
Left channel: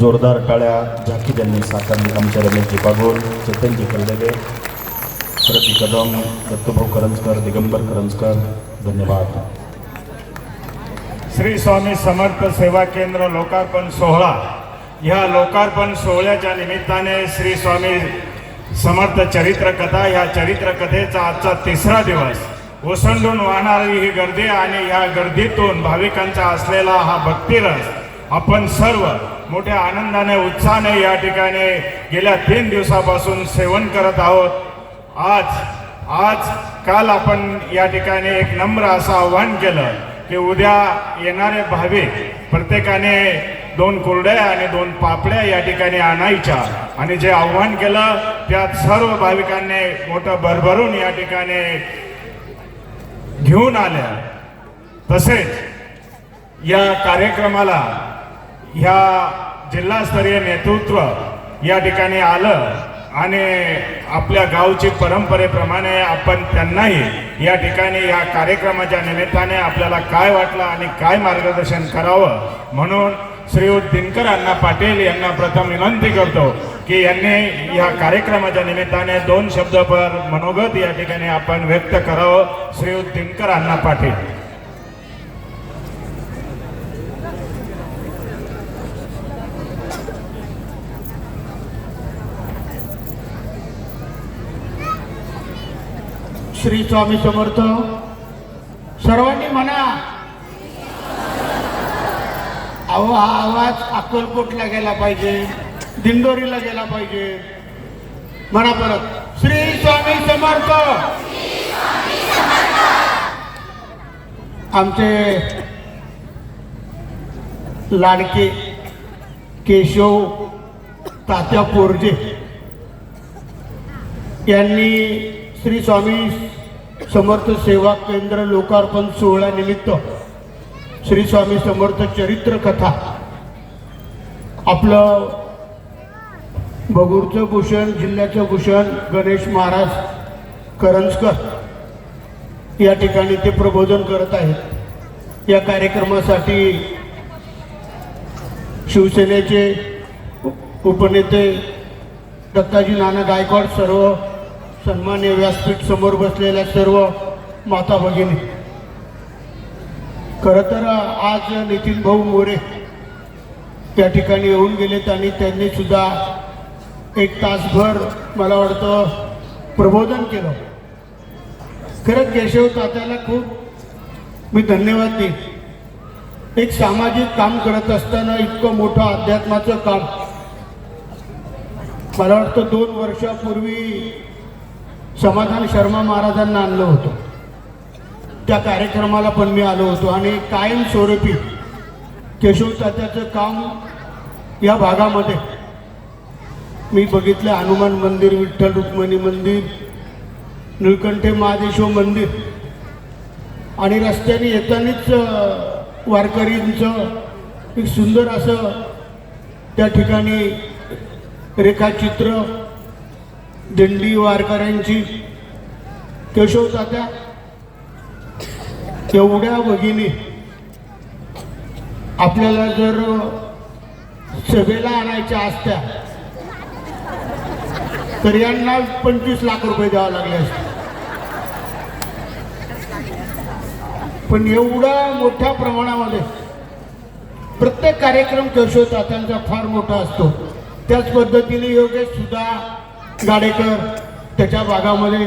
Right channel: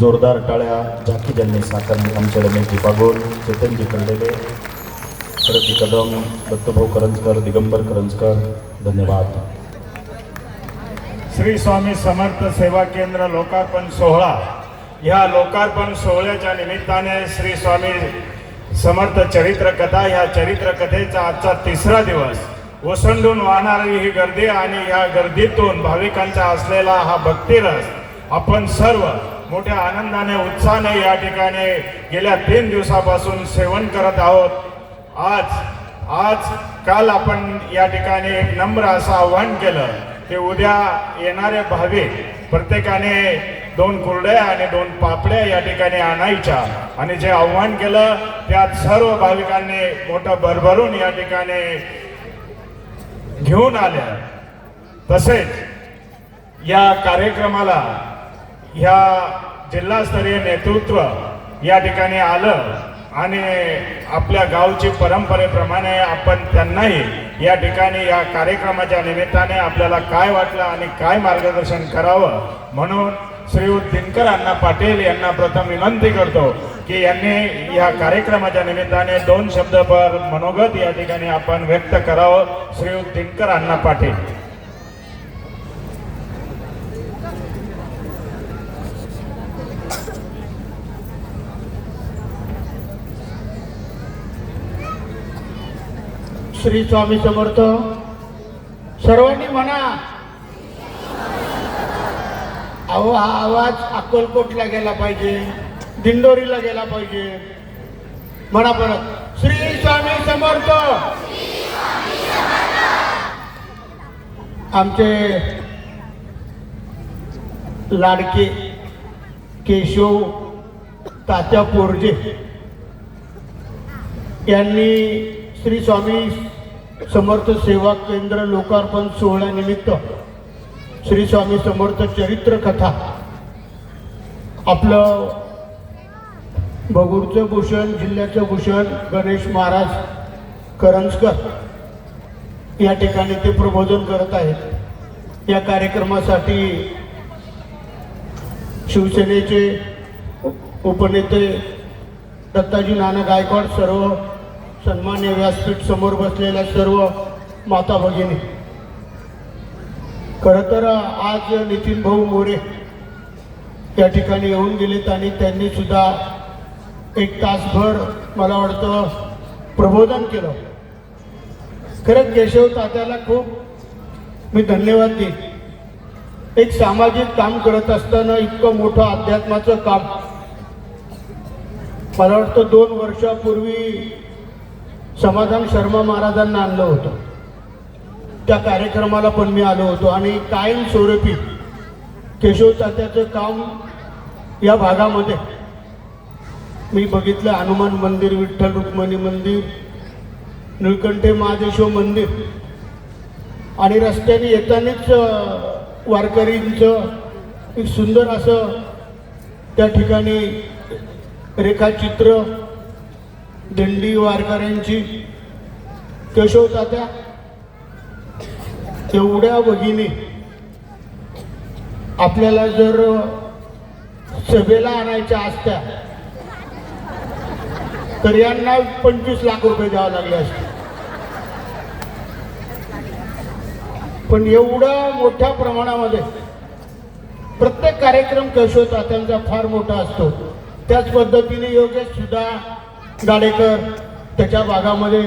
जोरदार टाळ्या झाकी त्यांनी साकारली आमच्या रमेशजी पागोल, चेतनजी कल्लेगे, शरदी कदम, दत्तभाऊ करंजकर, दिगंबर करंजकर, धन्यवाद. श्री स्वामी समर्थ सेवा केंद्र लोकार्पण सोहळा. ह्या लोकार्पण सोहळ्याच्या निमित्ताने श्री स्वामी समर्थ चरित्र कथा, ह्या चरित्र कथेचा आजचा 3रा दिवस. ओसंडून वाहणारी ही गर्दी आणि या गर्दीतून भाविकांचा असलेला हा भक्तिरस आपण सर्व मोठ्या आनंदाने उत्साहाने या ठिकाणी गेल्या 3 दिवसापासून सेवन करत आहोत. काल आपण या ठिकाणी एक नम्र असं आव्हान केलं की उद्या येणारे भाविक प्रत्येकाने 2 कुरड्या आणि 2 पापड्या या ठिकाणी आणायच्या, आणि जे आव्हान केलं त्यात सर्व भाविकांनी मोठं भरभरून या ठिकाणी घेऊन आल्या. तसेच या कार्यक्रमाला ह्या जिल्हास्तरीय नेतृत्व या ठिकाणी आलं आणि आपल्या गावची परंपरेप्रमाणे आपण त्यांनाही या ठिकाणी या कार्यक्रमाच्या निमित्ताने आपल्याला काय वाटलं आणि काय मार्गदर्शन करावं म्हणून श्रीयुत दिनकर अण्णा पाटील यांना प्रथम विनंती करतो की यांनी या कार्यक्रमाच्या निमित्ताने 2 शब्दभर मनोगत या ठिकाणी आपण व्यक्त करावं. श्रीयुत दिनकर अण्णा पाटील. श्री स्वामी समर्थ. सर्वांनी म्हणा, अहो हा आवाज अक्कलकोटला गेला पाहिजे, दिंडोरीला गेला पाहिजे. म्हणा परत, श्री स्वामी समर्थ. आमचे लाडके केशव तात्या पोरजे यांनी श्री स्वामी समर्थ सेवा केंद्र लोकार्पण सोहळ्यानिमित्त श्री स्वामी समर्थ चरित्र कथा आपलं भगूरचं भूषण, जिल्ह्याचं भूषण गणेश महाराज करंजकर या ठिकाणी ते प्रबोधन करत आहेत. या कार्यक्रमासाठी शिवसेनेचे उपनेते दत्ताजी नाना गायकवाड, सर्व सन्मान्य व्यासपीठ समोर बसलेल्या सर्व माता भगिनी, खरं तर आज नितीन भाऊ मोरे या ठिकाणी येऊन गेलेत आणि त्यांनी सुद्धा 1 तासभर मला वाटतं प्रबोधन केलं. खरं केशव तात्याला खूप मी धन्यवाद देईन. एक सामाजिक काम करत असताना इतकं मोठं अध्यात्माचं काम मला वाटतं 2 वर्षापूर्वी समाधान शर्मा महाराजांना आणलं होतं. त्या कार्यक्रमाला पण मी आलो होतो आणि कायमस्वरूपी केशव तात्याचं काम या भागामध्ये मी बघितलं. हनुमान मंदिर, विठ्ठल रुक्मिणी मंदिर, निळकंठे महादेश्वर मंदिर आणि रस्त्याने येतानाच वारकरींचं एक सुंदर असं त्या ठिकाणी रेखाचित्र, दिंडी वारकऱ्यांची. केशव तात्या एवढ्या भगिनी आपल्याला जर सभेला आणायच्या असत्या तर यांना 25 लाख रुपये द्यावे लागले असते. पण एवढ्या मोठ्या प्रमाणामध्ये प्रत्येक कार्यक्रम केशव तात्यांचा फार मोठा असतो. त्याच पद्धतीने योगेश सुद्धा गाडेकर त्याच्या भागामध्ये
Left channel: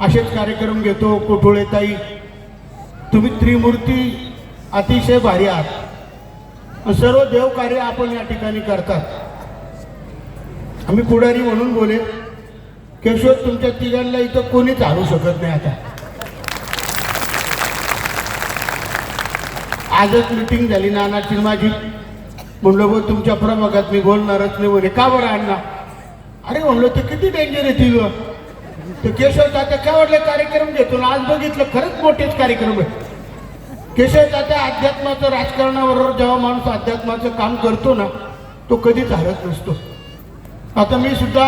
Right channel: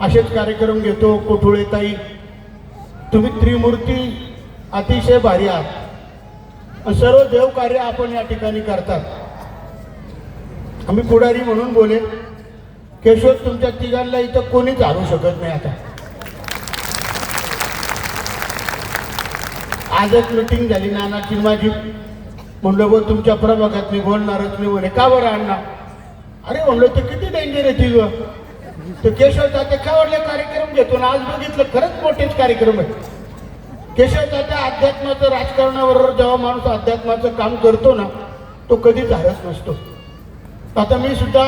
असेच कार्यक्रम घेतो. कोठोळेताई, तुम्ही त्रिमूर्ती अतिशय भारी आहात. सर्व देवकार्य आपण या ठिकाणी करतात. आम्ही पुढारी म्हणून बोले, केशव तुमच्या तिघांना इथं कोणीच आणू शकत नाही. आता आजच मीटिंग झाली नानाची माझी, म्हणलं बघ तुमच्या प्रभागात मी बोलणारच नाही. म्हणे का बरं अण्णा? अरे म्हणलं तर किती डेंजर आहे तिघ. ते केशव तात्या केवढले कार्यक्रम घेतो ना, आज बघितलं खरंच मोठेच कार्यक्रम आहे. केशव तात्या अध्यात्माचं, राजकारणाबरोबर जेव्हा माणूस अध्यात्माचं काम करतो ना, तो कधीच हरत नसतो. आता मी सुद्धा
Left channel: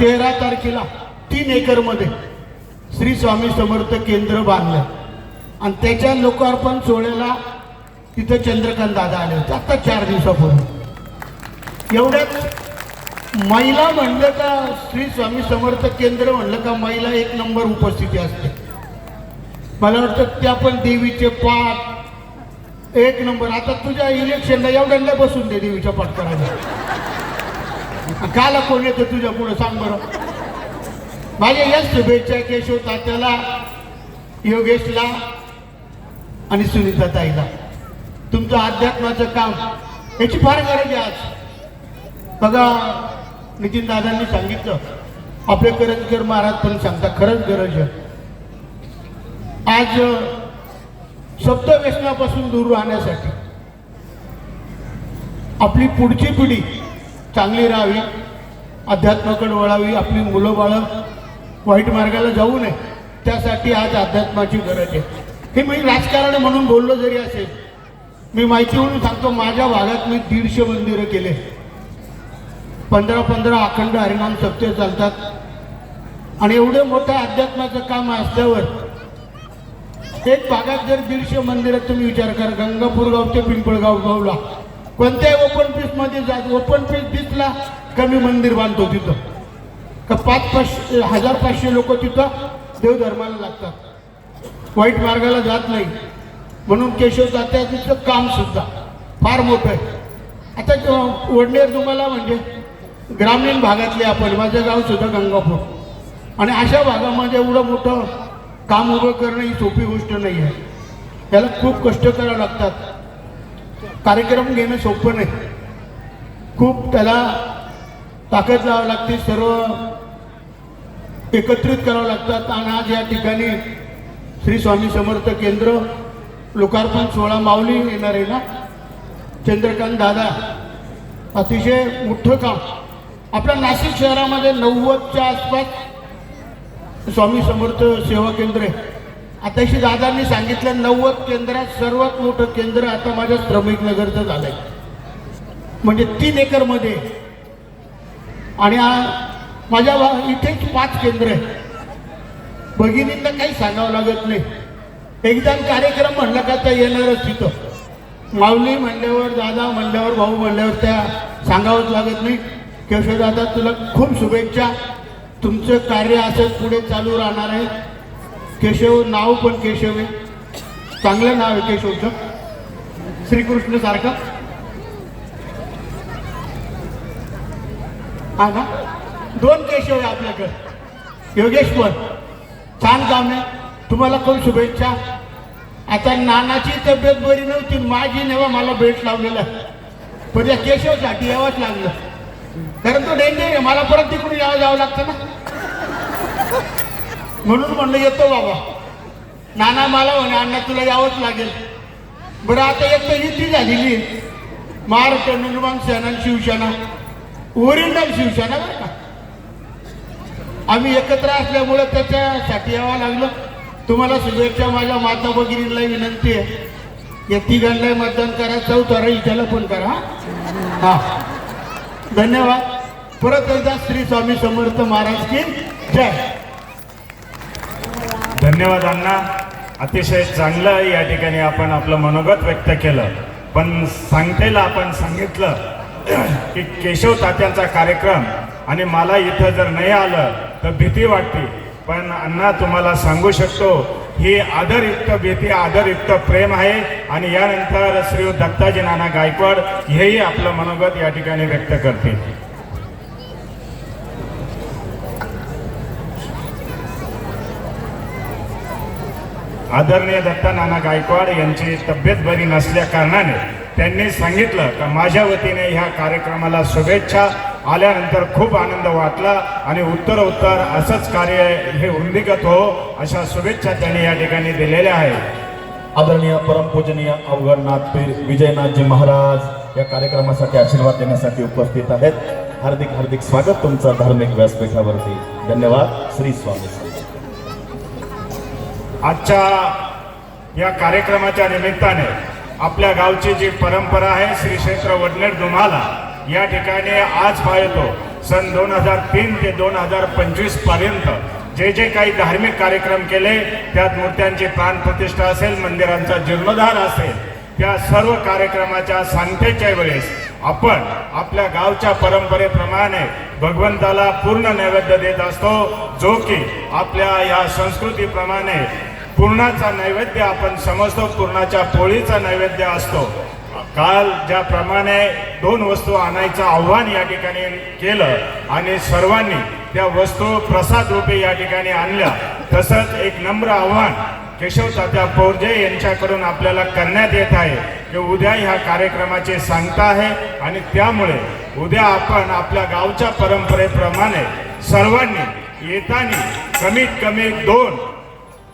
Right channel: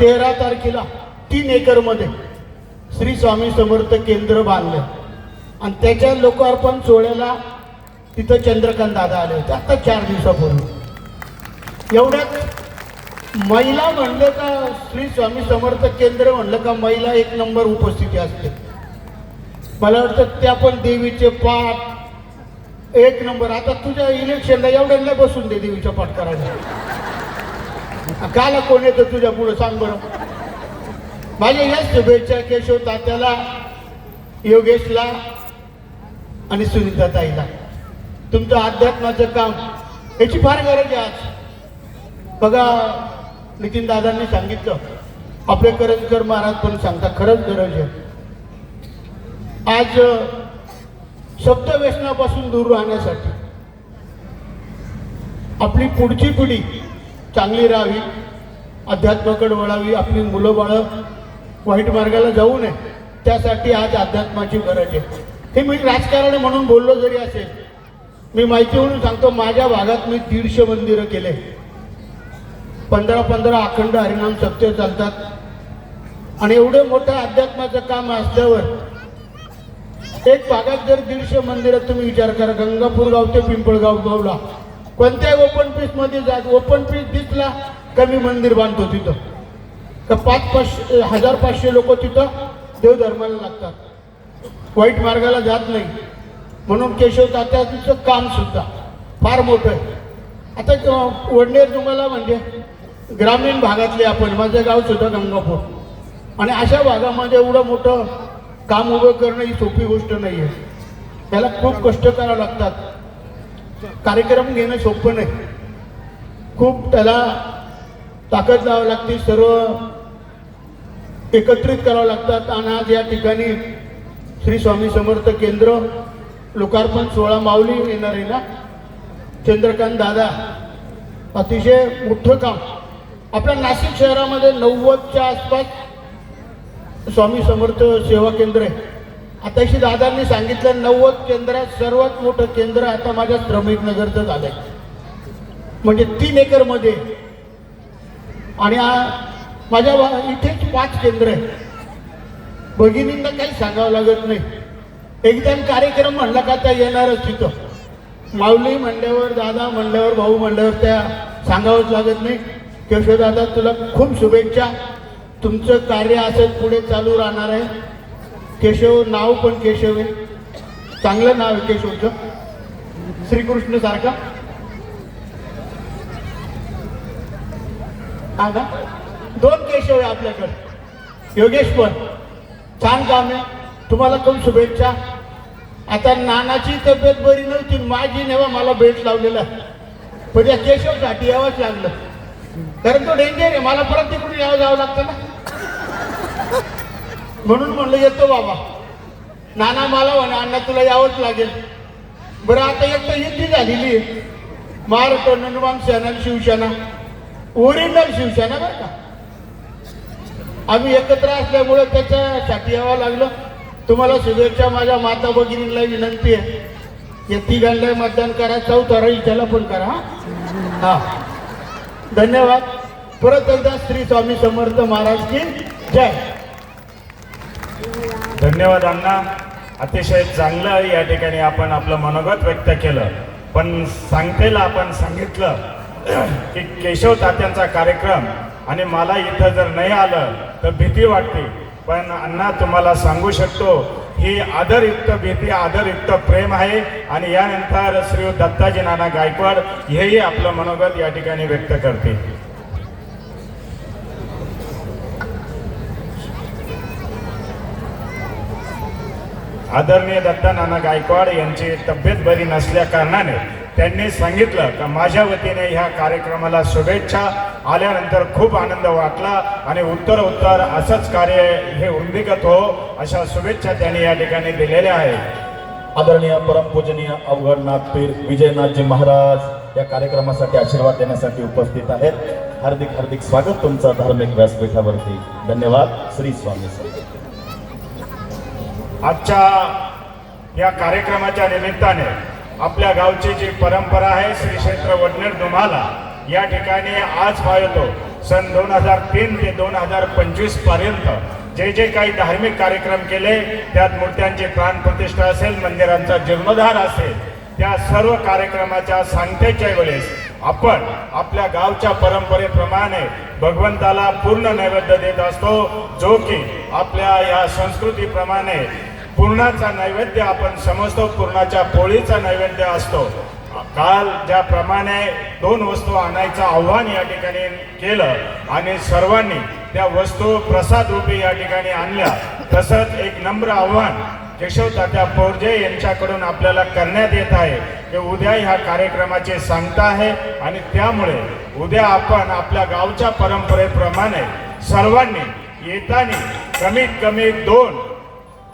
13 तारखेला 3 एकरमध्ये श्री स्वामी समर्थ केंद्र बांधलं आणि त्याच्या लोकार्पण सोहळ्याला तिथं चंद्रकांत दादा आले होते आता 4 दिवसापूर्वी. एवढ्यात महिला म्हणलं का श्री स्वामी समर्थ केंद्र म्हणलं का महिला एक नंबर उपस्थिती असते. मला वाटतं त्या पण देवीचे पाठ एक नंबर. आता तुझ्या इलेक्शनला एवढ्यांना बसून दे देवीच्या पाठ करायला. काला कोण येतं तुझ्या पुढं सांग बरं. माझ्या या शुभेच्छा केशव तात्याला, योगेशला आणि सुनीता ताईला. तुमचं अध्यात्माचं काम याची फार गरज आहे आज. बघा नितीन दादांनी सांगितलं, आपले करंजकर महाराज पण सांगता, खरंच गरज आहे. आज सप्तव्यसनापासून दूर राहण्यासाठी आपली पुढची पिढी चांगली राहावी, अध्यात्माकडे वळावी, आपली मुलं बाळं वाईट मार्गाला जाऊ नये, त्यासाठी आज अध्यात्माची गरज आहे. हे मी राजकारण म्हणून बोललो जरी असेल, मी माहिती म्हणून सांगतो, माझ्या भागात मी 150 मंदिरं केले. 15 अखंड हरिनाम सप्ते चालतात. आणि एवढे मोठं अध्यात्माचं काम असल्यावर एक भागात जर 150 मंदिरात तुम्ही विचार करा, गंगापूर गाव ते पिंपळगाव गावला कोणत्याही ओपन पीस मध्ये जा, ओपन पीस दिसला कमी मंदिर बांधतो तिथं का 1,500 लोक तिथं देवधर्माला लागतात, वाईट मार्गाला जात नाही. म्हणून केशव तात्याचं काम सुद्धा फार मोठं आहे. आता वडनेर तुम्हाला म्हणजे ग्रामीण भागातले आपण, माझं गाव सुद्धा गंगापूर, आणि अशा भागामध्ये एवढं मोठं काम उभं करणं ही सोपी गोष्ट नाही आहे. याला खूप कष्ट करावं लागतात. कार्यक्रम घेणं सोपं नाही, खूप त्याला ताकद लावावी लागते, सर्व एकत्रित करावं लागतात. आणि आज या ठिकाणी श्री स्वामी समर्थ केंद्र लोकार्पण सोहळा माऊली येणार आहे ना, चंद्रकांत दादा, अतिशय मोठं काम. आपल्या नाशिक शहरामध्ये 90च्या आसपास स्वामी समर्थ सेवा केंद्र आहे. आताशी दादांनी सांगितलं 90 केंद्रात सर्वात मोठं केंद्र आता माझ्या श्रमिक नगरचं झालंय, म्हणजे 3 एकरमध्ये. आणि माझ्या इथेच 5 केंद्र आहे. भगिनींना काही सांगावं लागत नाही, एकदम कार्यक्रम म्हणला का त्या येणारच तिथं. माऊली म्हणल्यावर, दादा म्हणल्यावर, भाऊ म्हणल्यावर त्या सांगावंच लागत नाही. केशव दादा तुला खूप शुभेच्छा, तुमचं कार्य असंच पुढे चालू राहणार आहे. केशव नाव पण केशव आहे, चांगलं नाव आहे केशवचं, श्रीकृष्ण सारखं. हा 2 केशव आहे आपल्याकडे, योगेश पण छान काम आहे. तुम्हाला खूप शुभेच्छा. आता नानाची तब्येत बरी नव्हती, माझी नेवा मला भेट लावलेला, पण त्या केशवसाठी यावंच लागलं, कारण तो डेंजर आहे. मला परत तिकडून जावं लागतं ना, म्हणून म्हणलं येतो बाबा. नाना मला म्हणे अण्णा तुला यावंच लागेल. बरं आता एक तर युती झालेली आहे, महाराष्ट्र नवनिर्माण सेना शिवसेना, ओरिजिनल शिवसेना बरं का. आम्ही एकत्र असल्यामुळे त्याच्यासाठी यावं लागलं. तुम्हाला शुभेच्छा. माझ्या माता भगिनींना विनंती आहे, या 3 मतदान करा, 4 इथेला पण करा. हा धन्यवाद. परत एकदा श्री स्वामी समर्थ महाराज की जय. धन्यवाद अण्णा. अतिशय चांगलं या ठिकाणी आपण आपलं मनोगत व्यक्त केलं. पण सांगतेला आपण सांगितलं की केशव तात्यांचा कार्यक्रम, आणि मला इथं जर नाही आलं तर भीती वाटते. पण अण्णा तुम्हाला सांगू शकतो, ही आदरयुक्त भीती, आदरयुक्त प्रेम आहे. आणि यानंतर श्री दत्ताजी नाना गायकवाड हेही आपलं मनोगत या ठिकाणी व्यक्त करतील. आदरणीय दत्ता नाना गायकवाड यांची तब्येत बरी नसल्या कारणाने त्यांनी सांगितलं की माझ्या वतीने ह्या कार्यक्रमाला शुभेच्छा. आल्यानंतर खूप आनंद वाटला आणि उत्तरोत्तर असंच कार्य हे वृद्धिगत हो अशा शुभेच्छा त्यांनी या ठिकाणी दिलेल्या आहेत. आदरणीय परमपूजनीय अवघडनाथपीर विजयनाथजी महाराज या कार्यक्रमासाठी आशीर्वाद देण्यासाठी उपस्थित आहेत. हार्दिक हार्दिक स्वागत तुमचं धार्मिक व्यासपीठावरती. धन्यवाद. श्री स्वामी समर्थ. आजच्या या कार्यक्रमाच्या निमित्ताने आपल्या गावची जी परंपरा आहे, श्री क्षेत्र वडनेर दुमाला या ठिकाणी आज पाहतो सन 2003 ते 2025 पर्यंत जे जे काही धार्मिक कार्यक्रम केले, त्यात मूर्त्यांची प्राणप्रतिष्ठा असेल, मंदिरांचा जीर्णोद्धार असेल, त्या सर्व कार्यक्रमाच्या सांगतेच्या वेळेस आपण आपल्या गावच्या परंपरेप्रमाणे भगवंताला पूर्ण नैवेद्य देत असतो, जो की आपल्या या संस्कृतीप्रमाणे पूर्णाचा नैवेद्य आपण समजतो, पूर्णाच्या पोळीचा नैवेद्य असतो. काल ज्याप्रमाणे 2 वस्तू आणायचं आव्हान या ठिकाणी केलं आणि सर्वांनी त्या वस्तू प्रसाद रूपी या ठिकाणी आणल्या, तसंच एक नम्र आव्हान केशव तात्या पोरजे यांच्याकडून आपल्याला करण्यात येत आहे की उद्या ह्या कार्यक्रमाची सांगता आहे आणि त्यामुळे उद्या आपण आपल्या गावच्या परंपरेप्रमाणे सर्वांनी येताना कमीत कमी 2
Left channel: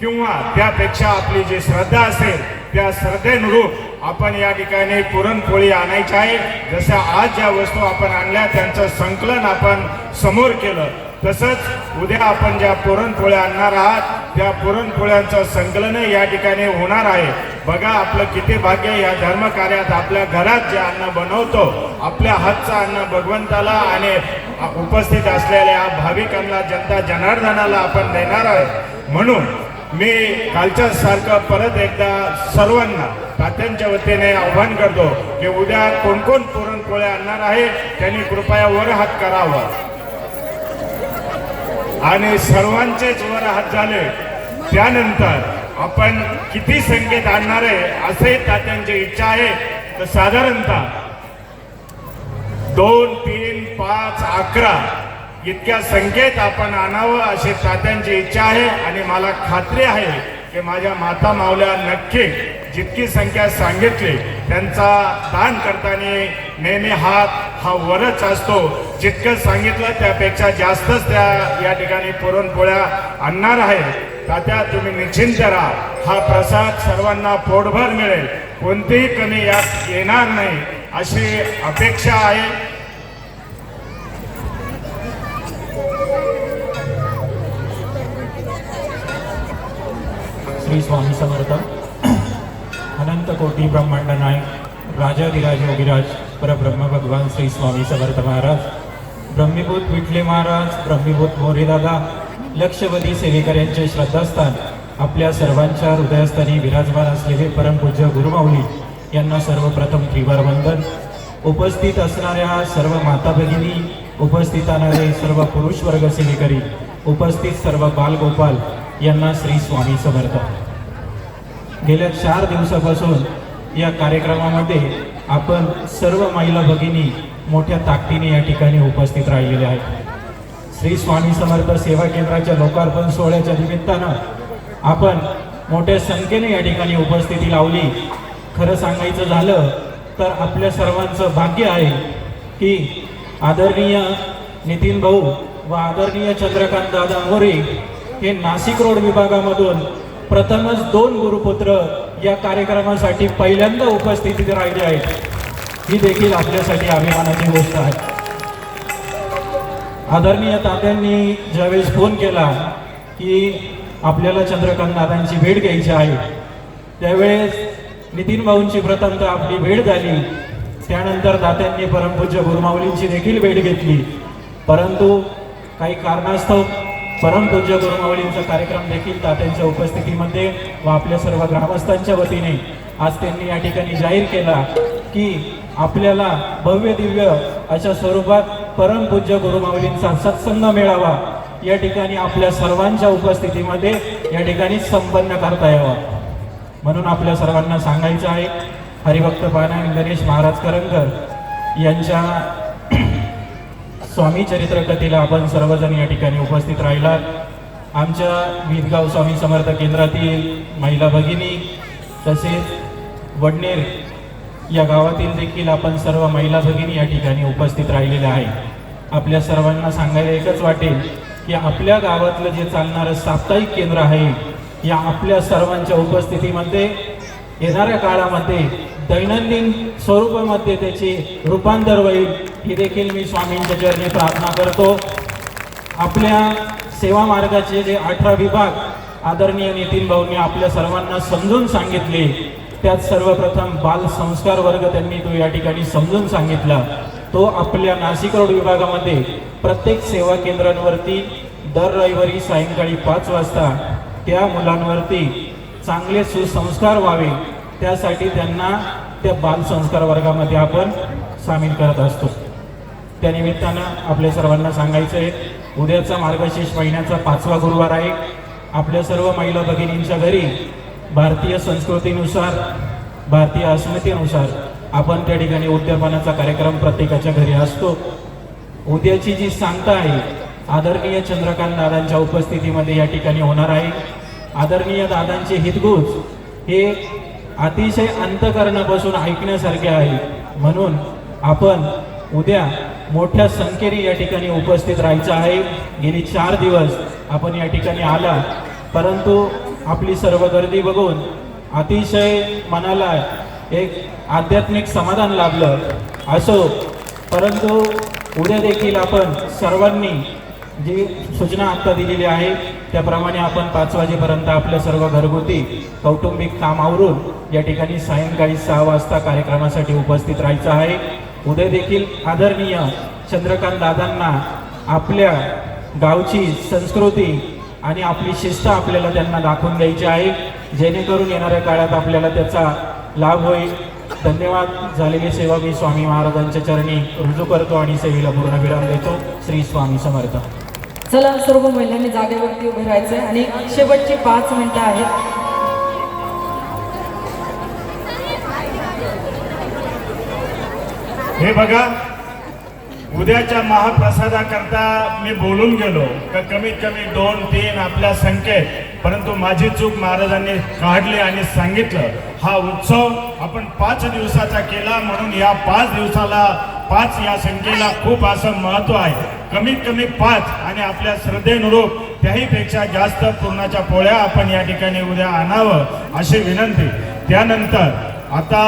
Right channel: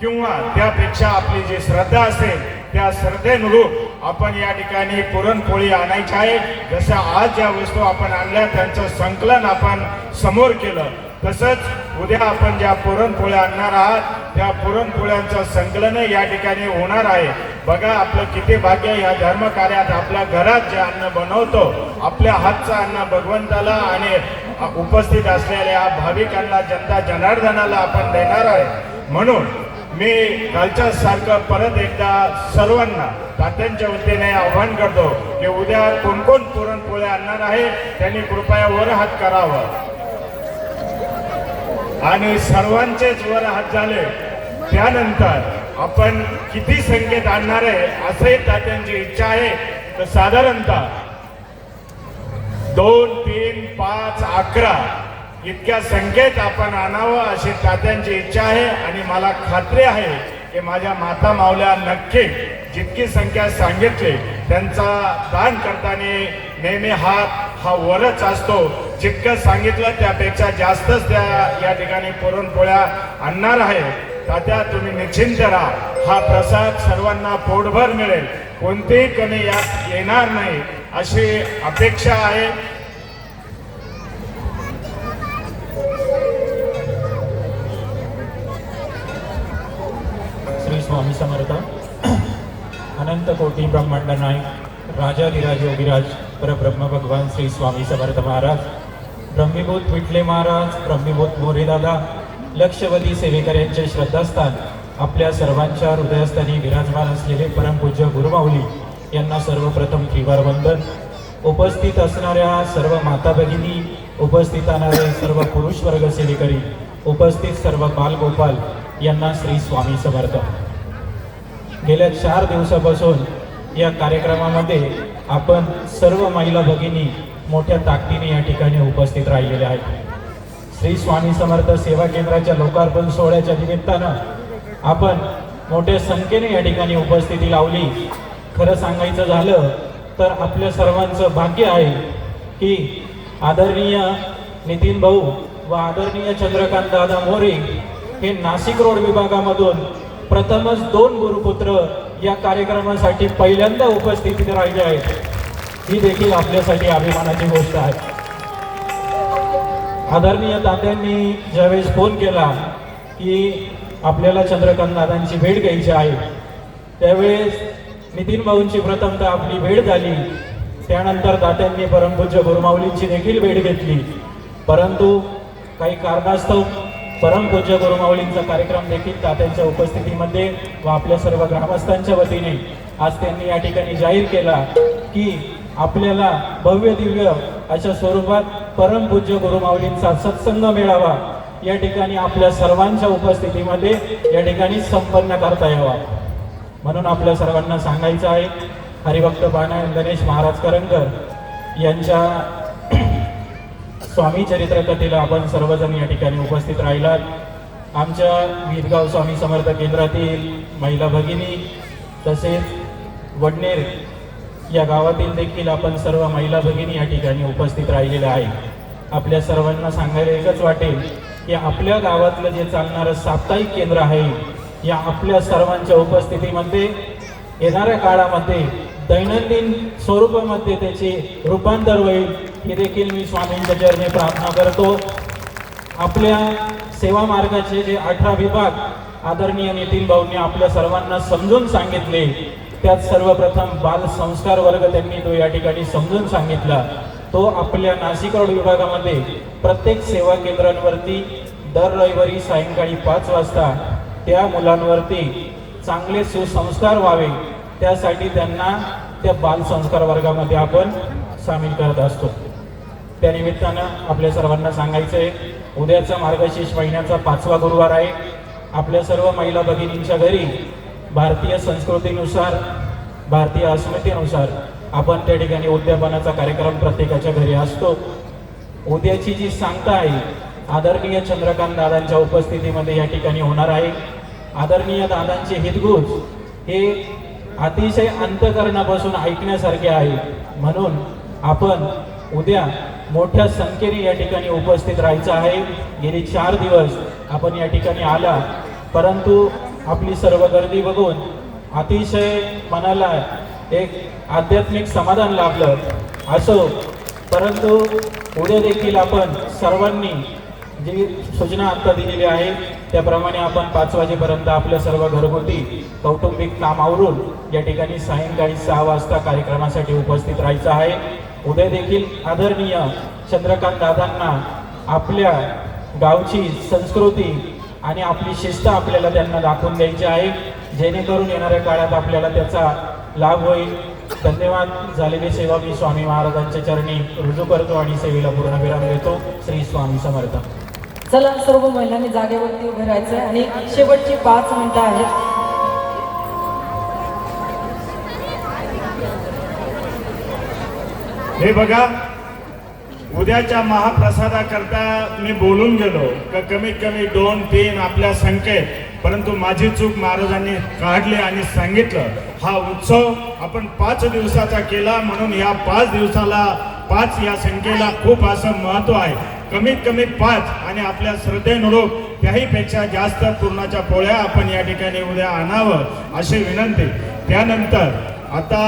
किंवा त्यापेक्षा आपली जी श्रद्धा असेल त्या श्रद्धेनुरूप आपण या ठिकाणी पुरणपोळी आणायची आहे. जसं आज ज्या वस्तू आपण आणल्या त्यांचं संकलन आपण समोर केलं, तसंच उद्या आपण ज्या पुरणपोळ्या आणणार आहात त्या पुरणपोळ्यांचं संकलन या ठिकाणी होणार आहे. बघा आपलं किती भाग्य, या धर्मकार्यात आपल्या घरात जे अन्न बनवतो, आपल्या हातचं अन्न भगवंताला आणि उपस्थित असलेल्या भाविकांना, जनता जनार्दनाला आपण देणार आहे. म्हणून मी कालच्या सारखं परत एकदा सर्वांना तात्यांच्या वतीने आव्हान करतो की उद्या कोण कोण पुरणपोळ्या आणणार आहे त्यांनी कृपया वर हात करावा आणि सर्वांचेच वर हात झाले. त्यानंतर आपण किती संख्येत आणणार आहे असे तात्यांची इच्छा आहे, तर साधारणतः 2, 3, 5, 11 इतक्या संख्येत आपण आणावं अशी तात्यांची इच्छा आहे. आणि मला खात्री आहे की माझ्या माता मावल्या नक्की जितकी संख्या सांगितली त्यांचा दान करताना नेहमी हात हा वरच असतो. जितकं सांगितलं त्यापेक्षा जास्तच त्या या ठिकाणी पुरणपोळ्या आणणार आहे. तात्या तुम्ही निश्चिंत राहा, हा प्रसाद सर्वांना पोटभर मिळेल, कोणतीही कमी यात येणार नाही अशी अपेक्षा आहे. श्री स्वामी समर्थ. अनंत कोटी ब्रह्मांड नायक राजाधिराज योगीराज परब्रह्म भगवान श्री स्वामी समर्थ महाराज, ब्रह्मीभूत विठले महाराज, ब्रह्मीभूत मोरेदादा, लक्षवती सेवेकऱ्यांचे श्रद्धास्थान आपल्या सर्वांच्या हृदयस्थानी विराजमान असलेले परमपूज्य गुरुमाऊली यांना सर्वप्रथम त्रिवार वंदन. उपस्थित असणाऱ्या सर्व माता भगिनी, उपस्थित असणारे सर्व पुरुष वर्ग सेवेकरी, उपस्थित सर्व बालगोपाल यांना श्री स्वामी समर्थ. गेल्या 4 दिवसापासून या कार्यक्रमामध्ये आपण सर्व महिला भगिनी मोठ्या ताकदीने या ठिकाणी उपस्थित राहिलेल्या आहेत. श्री स्वामी समर्थ सेवा केंद्राच्या लोकार्पण सोहळ्याच्या निमित्तानं आपण मोठ्या संख्येने या ठिकाणी उपस्थिती लावली. खरं सांगायचं झालं तर आपल्या सर्वांचं भाग्य आहे की आदरणीय नितीन भाऊ व आदरणीय चंद्रकांत दादा मोरे हे नाशिक रोड विभागामधून प्रथमच 2 गुरुपुत्र या कार्यक्रमासाठी पहिल्यांदा उपस्थितीत राहिले आहेत. ही देखील आपल्यासाठी अभिमानाची गोष्ट आहे. आदरणीय तात्यांनी ज्यावेळेस फोन केला की आपल्याला चंद्रकांत दादांची भेट घ्यायची आहे, त्यावेळेस नितीन भाऊंची प्रथमतः आपली भेट झाली. त्यानंतर दात्यांनी परमपूज्य गुरुमाऊलींची देखील भेट घेतली. परंतु काही कारणास्तव परमपूज्य गुरुमाऊलींचा कार्यक्रम देखील तात्यांच्या उपस्थितीमध्ये व आपल्या सर्व ग्रामस्थांच्या वतीने आज त्यांनी या ठिकाणी जाहीर केला की आपल्याला भव्य दिव्य अशा स्वरूपात परमपूज्य गुरुमाऊलींचा सत्संग मेळावा या ठिकाणी आपल्या सर्वांच्या उपस्थितीमध्ये या ठिकाणी संपन्न करता यावा. म्हणून आपल्या सर्वांना सांगायचं आहे, हरिभक्त पानायण गणेश महाराज करंकर यांच्या स्वामी चरित्र कथेला आपण सर्वजण या ठिकाणी उपस्थित राहिलात. आमच्या विदगाव स्वामी समर्थ केंद्रातील महिला भगिनी तसेच वडनेर या गावातील देखील आपण सर्व महिला भगिनी या ठिकाणी उपस्थित राहिलेल्या आहेत. आपल्या सर्वांना सांगायला एकच वाटेल की आपल्या गावातलं जे चालणारं साप्ताहिक केंद्र आहे या आपल्या सर्वांच्या उपस्थितीमध्ये येणाऱ्या काळामध्ये दैनंदिन स्वरूपामध्ये त्याचे रूपांतर होईल हे देखील मी स्वामींच्या चरणी प्रार्थना करतो. आपल्या सेवा मार्गाचे जे 18 विभाग आदरणीय नितीन भाऊंनी आपल्या सर्वांना समजून सांगितले, त्यात सर्वप्रथम बाल संस्कार वर्ग त्यांनी तो या ठिकाणी समजून सांगितला. तो आपल्या नाशिक रोड विभागामध्ये प्रत्येक सेवा केंद्रांवरती दर रविवारी सायंकाळी 5 वाजता त्या मुलांवरती चांगले सुसंस्कार व्हावे त्यासाठी त्यांना त्या बाल संस्कार वर्गामध्ये आपण सामील करत असतो. त्यानिमित्तानं आपल्या सर्वांना सांगायचं आहे, उद्याचा मार्गशीर्ष महिन्याचा 5वा गुरुवार आहे. आपल्या सर्व महिला भगिनींच्या घरी भारतीय संस्कृतीनुसार, भारतीय अस्मितेनुसार आपण त्या ठिकाणी उद्यापनाचा कार्यक्रम प्रत्येकाच्या घरी असतो. उद्याची जी सांगता आहे आदरणीय चंद्रकांत दादांच्या उपस्थितीमध्ये या ठिकाणी होणार आहे. आदरणीय दादांचे हितगुज हे अतिशय अंतःकरणापासून ऐकण्यासारखे आहे. म्हणून आपण उद्या मोठ्या संख्येने या ठिकाणी उपस्थित राहायचं आहे. गेली 4 दिवस आपण या ठिकाणी आला, परंतु आपली सर्व गर्दी बघून अतिशय मनाला एक आध्यात्मिक समाधान लाभलं. असो, परंतु उद्या देखील आपण सर्वांनी जी सूचना आता दिलेली आहे त्याप्रमाणे आपण 5 वाजेपर्यंत आपल्या सर्व घरगुती कौटुंबिक काम आवरून या ठिकाणी सायंकाळी 6 वाजता कार्यक्रमासाठी उपस्थित राहायचं आहे. उद्या देखील आदरणीय चंद्रकांत दादांना आपल्या गावची संस्कृती आणि आपली शिस्त आपल्याला त्यांना दाखवून द्यायची आहे, जेणेकरून येणाऱ्या काळात आपल्याला त्याचा लाभ होईल. धन्यवाद. झालेली सेवा मी स्वामी महाराजांच्या चरणी रुजू करतो आणि सेवेला पूर्णविराम देतो. श्री स्वामी समर्थ. चला, सर्व महिलांनी जागेवरती उभे राहायचंय आणि शेवटची 5 मिनिटं आहेत. हे बघा, उद्याच्या महाप्रसादाकरता मी बोलून गेलो का कमीत कमी 2-3 आपल्या संख्येत, परंतु माझी चूक महाराजांनी काढली आणि सांगितलं हा उत्सव आपण 5 दिवसाचा केला, म्हणून या 5 दिवसाला 5 या संख्येला खूप असं महत्व आहे. कमीत कमी 5 आणि आपल्या श्रद्धेनुरूप त्याहीपेक्षा जास्त पूर्णाच्या पोळ्या आपण या ठिकाणी उद्या आणावं अशी विनंती. त्यानंतर आता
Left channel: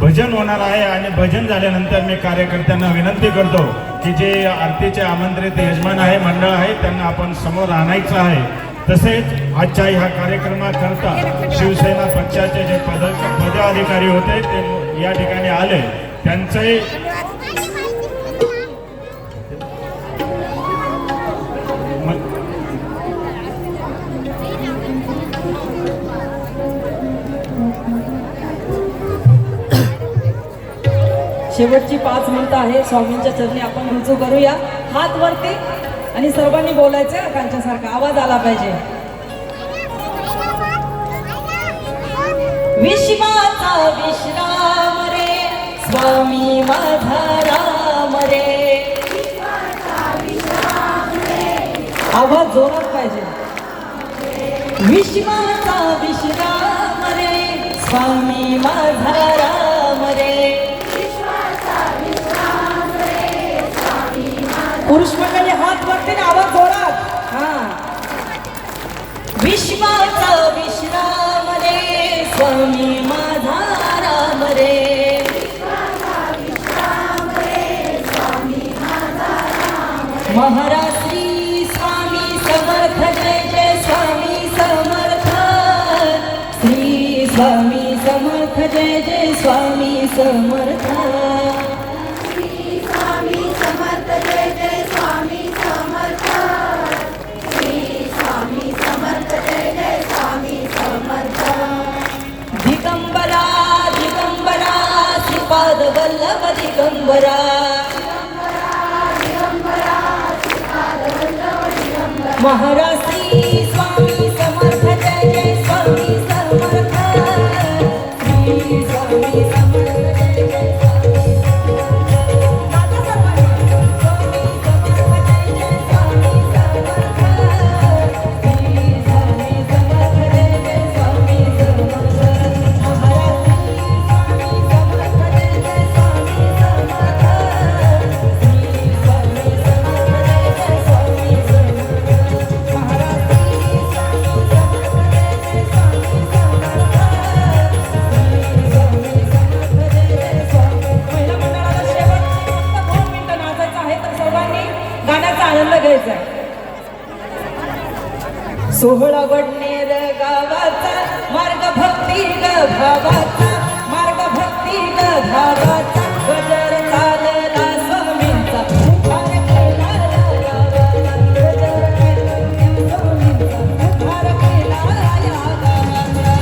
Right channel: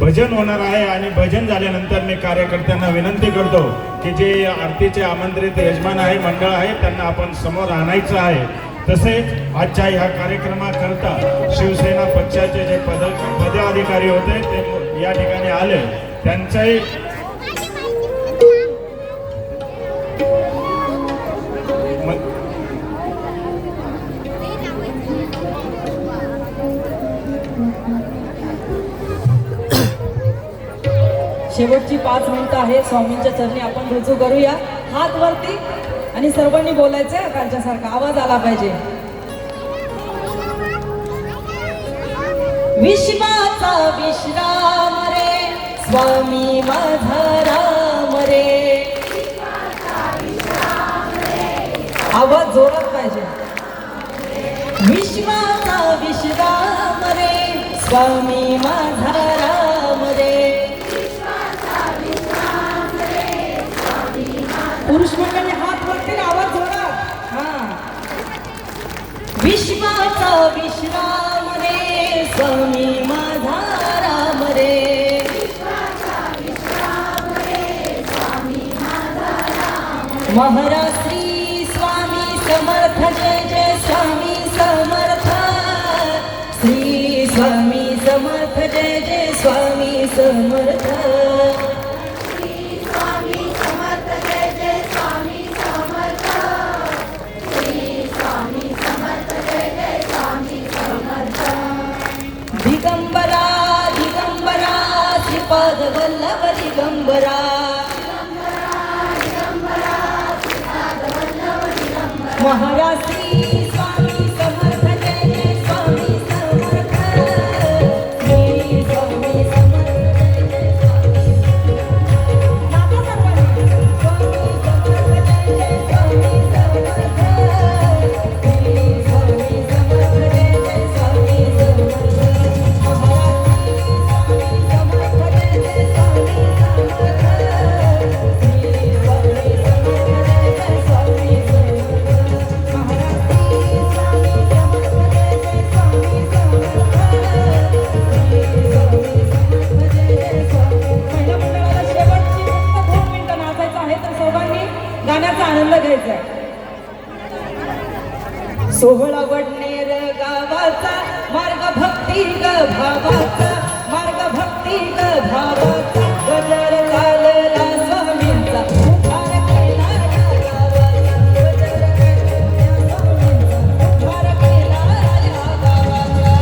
भजन होणार आहे आणि भजन झाल्यानंतर मी कार्यकर्त्यांना विनंती करतो की जे आरतीचे आमंत्रित यजमान आहे, मंडळ आहे, त्यांना आपण समोर आणायचं आहे. तसेच आजच्या ह्या कार्यक्रमाकरता शिवसेना पक्षाचे जे पदाधिकारी होते ते या ठिकाणी आले. त्यांचे शेवटची 5 मिनिटं आहेत. स्वामींच्या चरणी आपण रुजू करूया. हात वरती आणि सर्वांनी बोलायचं त्यांच्यासारखा आवाज आला पाहिजे. विश्वाचा विश्राम रे स्वामी माझा राम रे. आवाज जोरात पाहिजे. विश्वाचा विश्राम रे स्वामी माझा राम रे. पुरुष मंडळी हात वरती आवाज जोरात. विश्वाचा विश्राम रे स्वामी माझा राम रे. महाराज श्री स्वामी समर्थ. जय जय स्वामी समर्थ. श्री स्वामी समर्थ. जय जय स्वामी समर्थ. दिगंबरा दिगंबरा श्रीपाद वल्लभ दिगंबरा. महाराज श्री स्वामी समर्थ. जय जय स्वामी समर्थ. श्री स्वामी समर्थ. जय जय स्वामी सोहळा वडनेर गावाचा मार्ग भक्ती ग भावाचा. मार्ग भक्ती ग भावाचा. गजर चालला स्वामींचा. उद्धार केला या गावाचा. गजर केला स्वामींचा. उद्धार केला या गावाचा.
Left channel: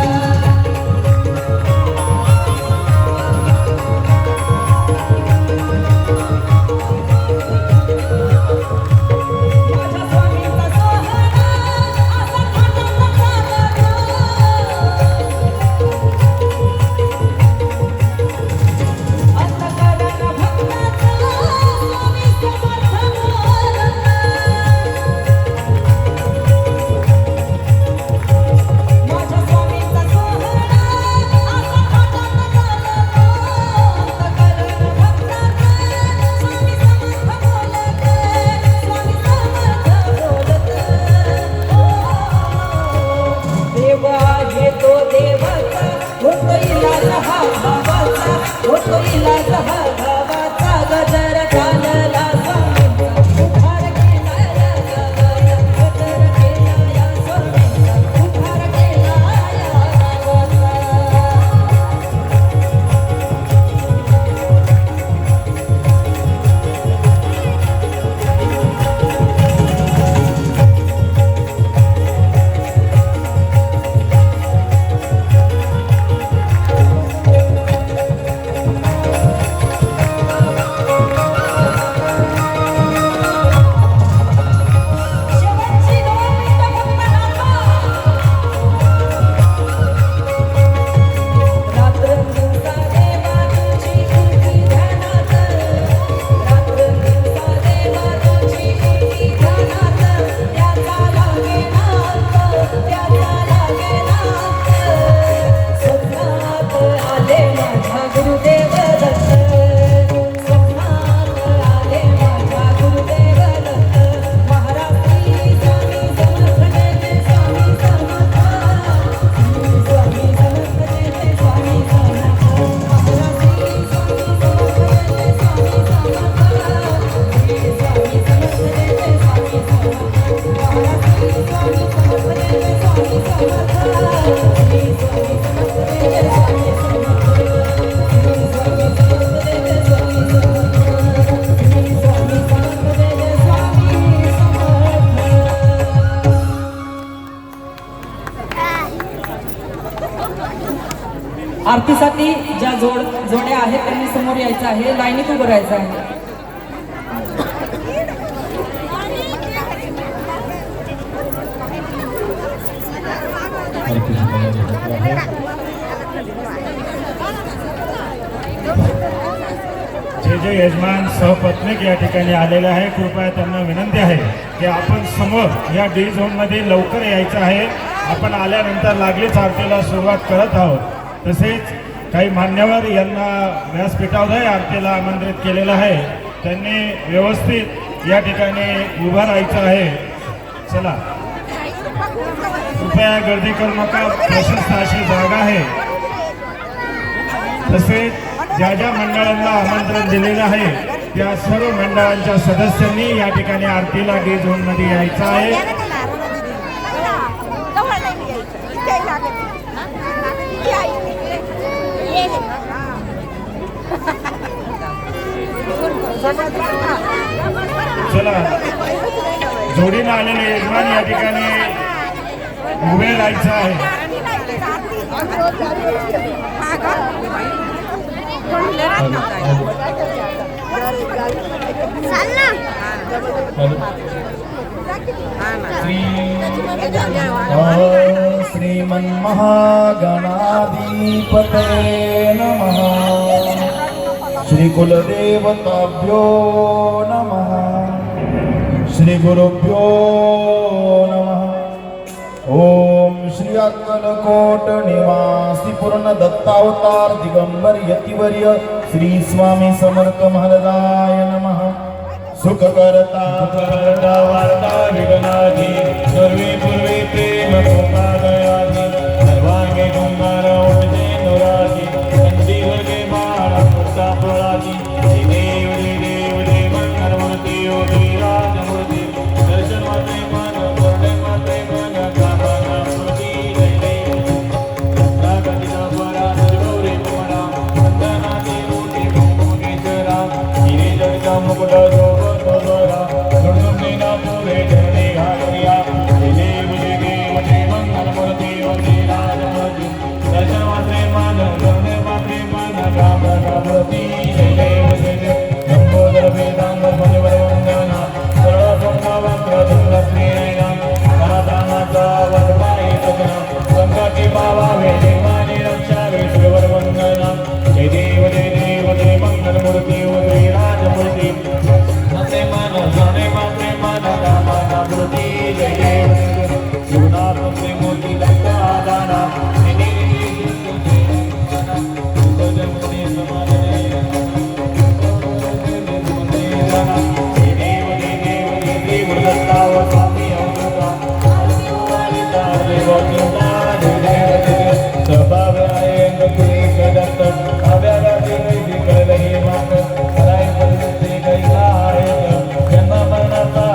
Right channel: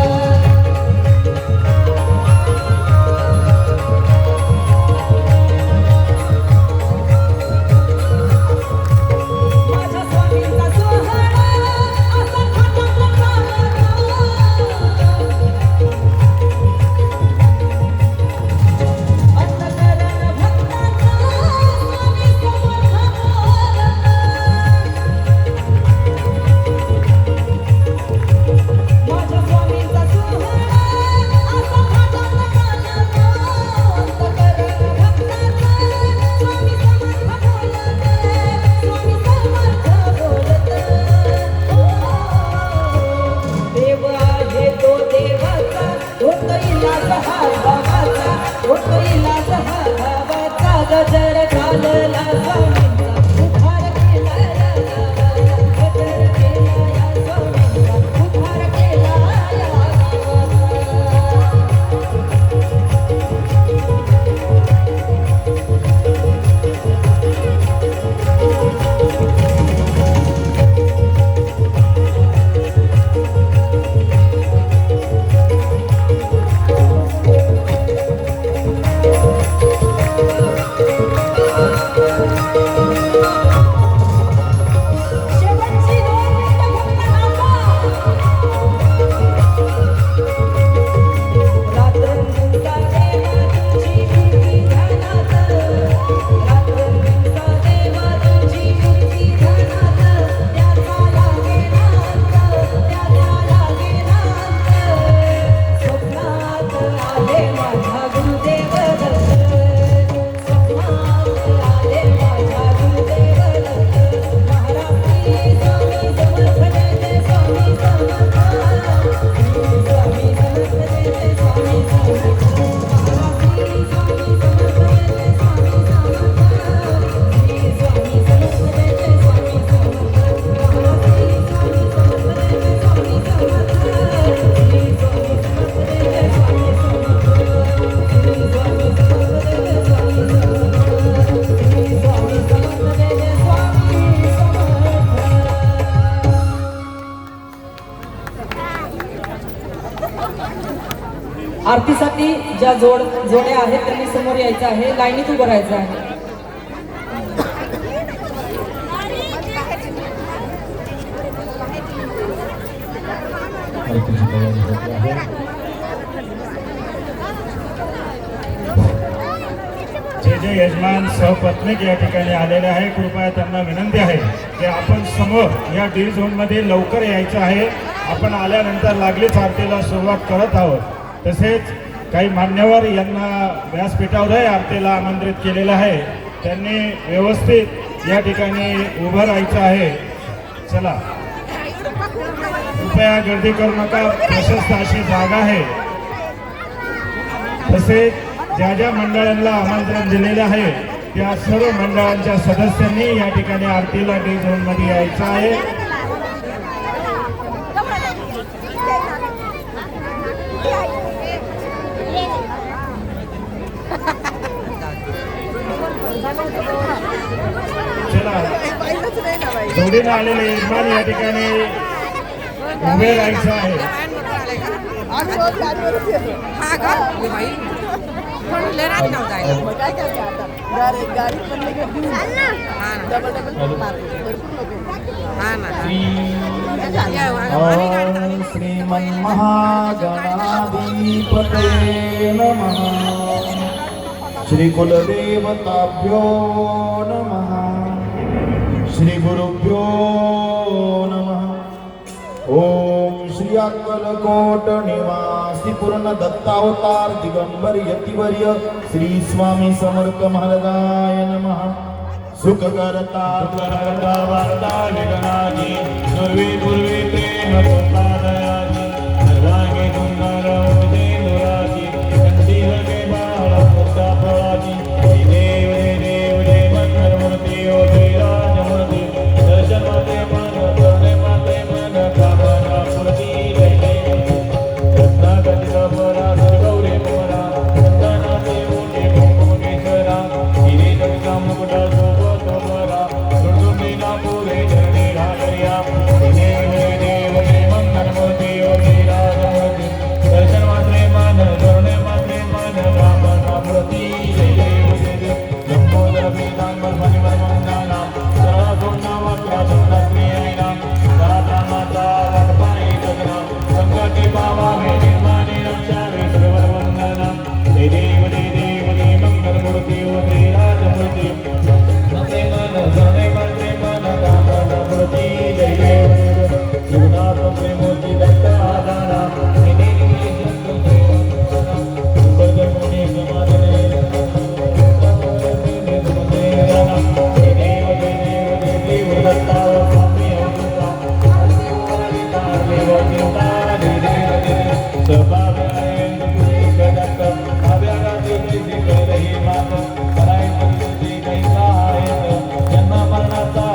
आरतीसाठी ज्या जोड्या आहेत त्यांनी समोर यायचं आहे, लाईनीत उभं राहायचं आहे. आरतीची तयारी होत आहे. जे यजमान सहपत्नीक या ठिकाणी आलेले आहे, कृपया त्यांना विनंती आहे की आपण समोर या डी झोनमध्ये लवकर यायचं आहे. आपण आल्यानंतर लागलीच आरतीला सुरुवात करत आहोत. तसेच काही मान्यवर यांना व्यासपीठावरही आरतीला आमंत्रित केलेलं आहे. त्यांनी व्यवस्थित या ठिकाणी उभं राहायचं आहे. चला, कृपया गर्दी करू नका, प्रशस्त अशी जागा आहे. तसेच ज्या ज्या मंडळांना आमंत्रण दिलेलं आहे त्या सर्व मंडळांच्या सदस्यांनी या ठिकाणी आरतीला डी झोन मध्ये यायचं आहे. चला, जोडीने आलेले यजमान या ठिकाणी उभे राहायचं आहे. श्रीमन्महागणाधिपतये नमः. श्रीकुलदेवताभ्यो नमः. श्रीगुरुभ्यो नमः. ओम श्री अक्कलकोट निवासी पूर्ण दत्तावतार दिगंबर यतिवर्य श्री स्वामी समर्थ महाराजाय नमः. सुखकर्ता करता वार्ता निगनादी सर्वे पूर्वे प्रेम कृपादयादी सर्वांगे कुंभार उमदे नुरासी कंठी वर्गे बाळ पुरता फळाची देव देव जय मंगलमूर्ती ओ जय राजमूर्ती दर्शन मात्रे मन करणे मात्रे मन कामना स्मृती जय देव रत्ना कटिका परा गौरी मोरा वंदनाचे मोठे मुनीश्वरा हिरे जगता मुकुट शोभत बरा सुडुकीन तुरे धरणे घालया जय देव जय मंगलमूर्ती ओ जय राजमूर्ती दर्शन मात्रे मन करणे मात्रे मन कामना स्मृती जय देव जय देव लंबोदर वेदांग मणिवर वंदना सर्वसंगमंत्र धुंडप्रियैना करात्रामाता वटपाई सगना संकटी पावावे निर्माणे रक्षावे श्रीवर वंदना जय देव जय मंगलमूर्ती ओ जय राजमूर्ती मात्रे मन जाणे मात्रे मन कामना स्मृती जय देव शिवनाथ प्रेमोती दत्ता दाना जय देव मुनी समाधने जन्म मरणाचा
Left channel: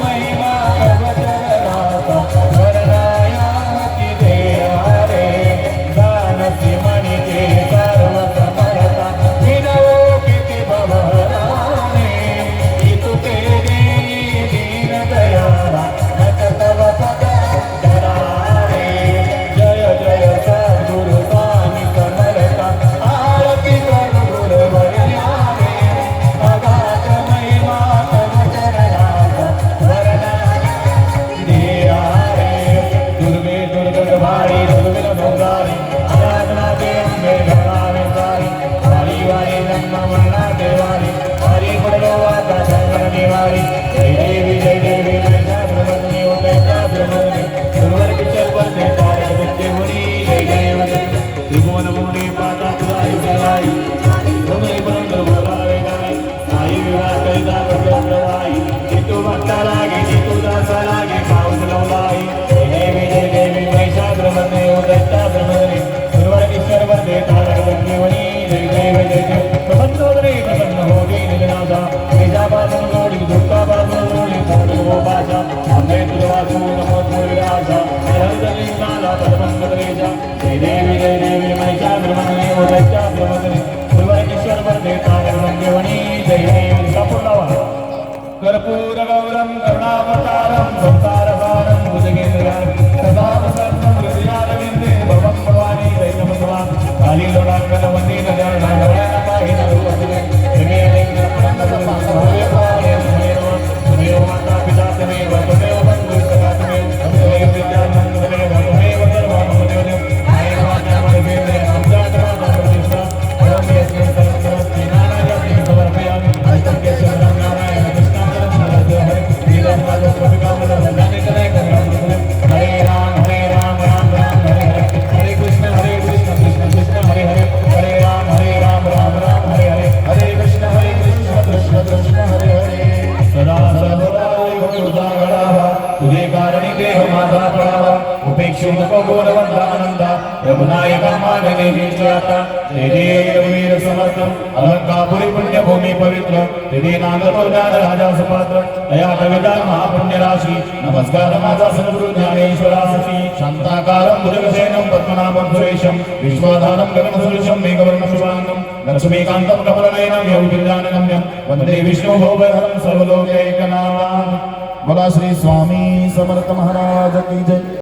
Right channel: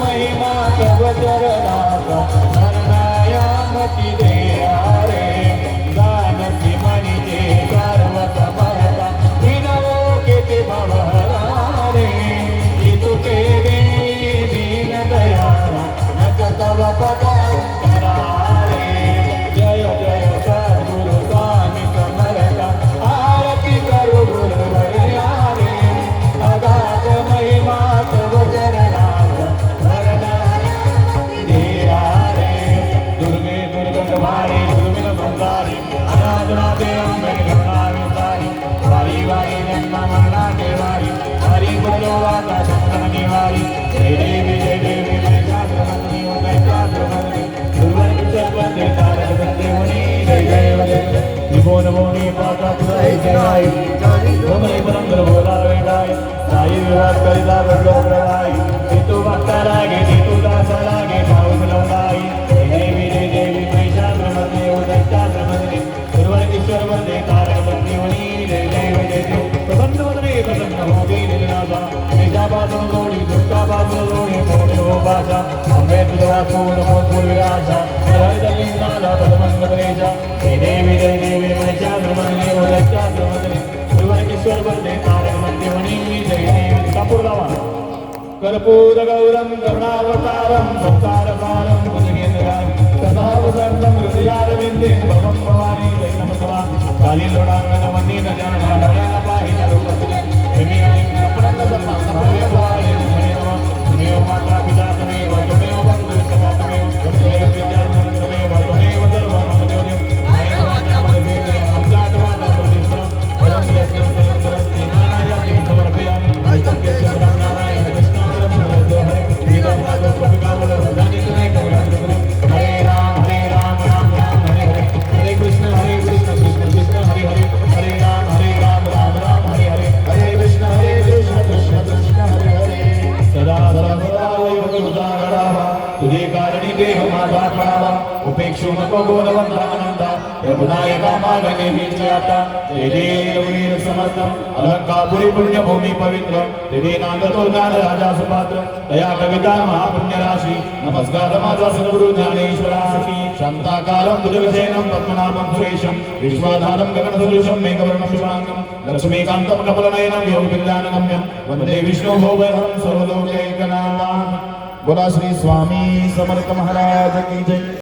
महिमा तव चरणाचा वर्णयामती देया रे जानसी मनिते सर्व समर्था विनोकेति भवरा रे इतुके देई दीन दयाला नच तव पदा करा रे जय जय सद्गुरु स्वामी समर्था आरती करू गुरुवर्या रे अगाध महिमा तव चरणाचा वरण देया रे दुर्गे दुर्गंधभारी दुर्मिल भंगारी आराधना ते अंबे भवानी वारी वारी वारी नंदा मन्ना देवारी हरी गुणलो वाचा शंकर निवारी जय देवी जय ब्रह्मणी उदया ब्रह्मणी दुर्वर किशोर बंदे तारक बंदे मुनी जय जय वदन त्रिभुवन भुवनी पाता तुझाई जय भूमि बंदर भोला वेदाई साई विवाह करिता करियो प्रवाई तू भक्ता लागे तू दासा लागे पाऊस लवलाई जय देवी महिषासुरमर्दिनी उदया ब्रह्मणी दुर्वर किशोर बंदे तारक बंदे मुनी जय जय प्रसन्न वदने प्रसन्न होगी निजनाथा महिषासुर गोडी दुष्टाबासुर गोडी मोडो बाजा अम्बे दुर्वासूर मोदुर विराजा हरिदली नाला पदमंगलेजा जय देवी महिषासुरमर्दिनी उदया ब्रह्मणी दुर्वर किशोर बंदे तारक बंदे मुनी जय देवी संपूर्ण कर्पूर गौरम करुणावतारम संसारसारम भुजगेंद्रम सदा वसंतम हृदयारविंदे भवम भवानी जय नमः काली लोडांगन वंदे नजर नारायण काहि नरुपतिले हिमे अलिंग प्रसन्न भवे भवे देव माता पिता तमेव तमेव बंधु सखा तमेव विद्यानंद तमेव तमेव सर्व मम देव नाय वाचा मदे आमचा ग्रह प्रतिष्ठा परम यज्ञ सरस्वती नारायण समर्पयामि आजके शरण नारायण कृष्ण हरे राम राम राम हरे कृष्ण कृष्ण कृष्ण हरे हरे हरे राम राम हरे हरे हरे कृष्ण कृष्ण कृष्ण हरे हरे सदा सदा तुझे कारणी देह माझा प्राणा उपेक्षू नको गुणवंतानंदा प्रभुनायका मागणे विचारता जय वीर समर्थम अलंकापुरी पुण्यभूमी पवित्र हृदय नांदतो ज्ञान राजा सुपात्र दया कविता महापुण्य राशी नमस्कार माझा सद्गुरु ज्ञानेश्वराशी शांताकारं भुजगशयनं पद्मनाभं सुरेशं विश्वाधारं गगनसदृशं मेघवर्णं शुभांगं लक्ष्मीकान्तं कमलनयनं योगिर्जानगम्यं वन्दे विष्णुभोगहरं सर्वलोकैकनाथं बोला श्री स्वामी समर्थ महाराज की जय।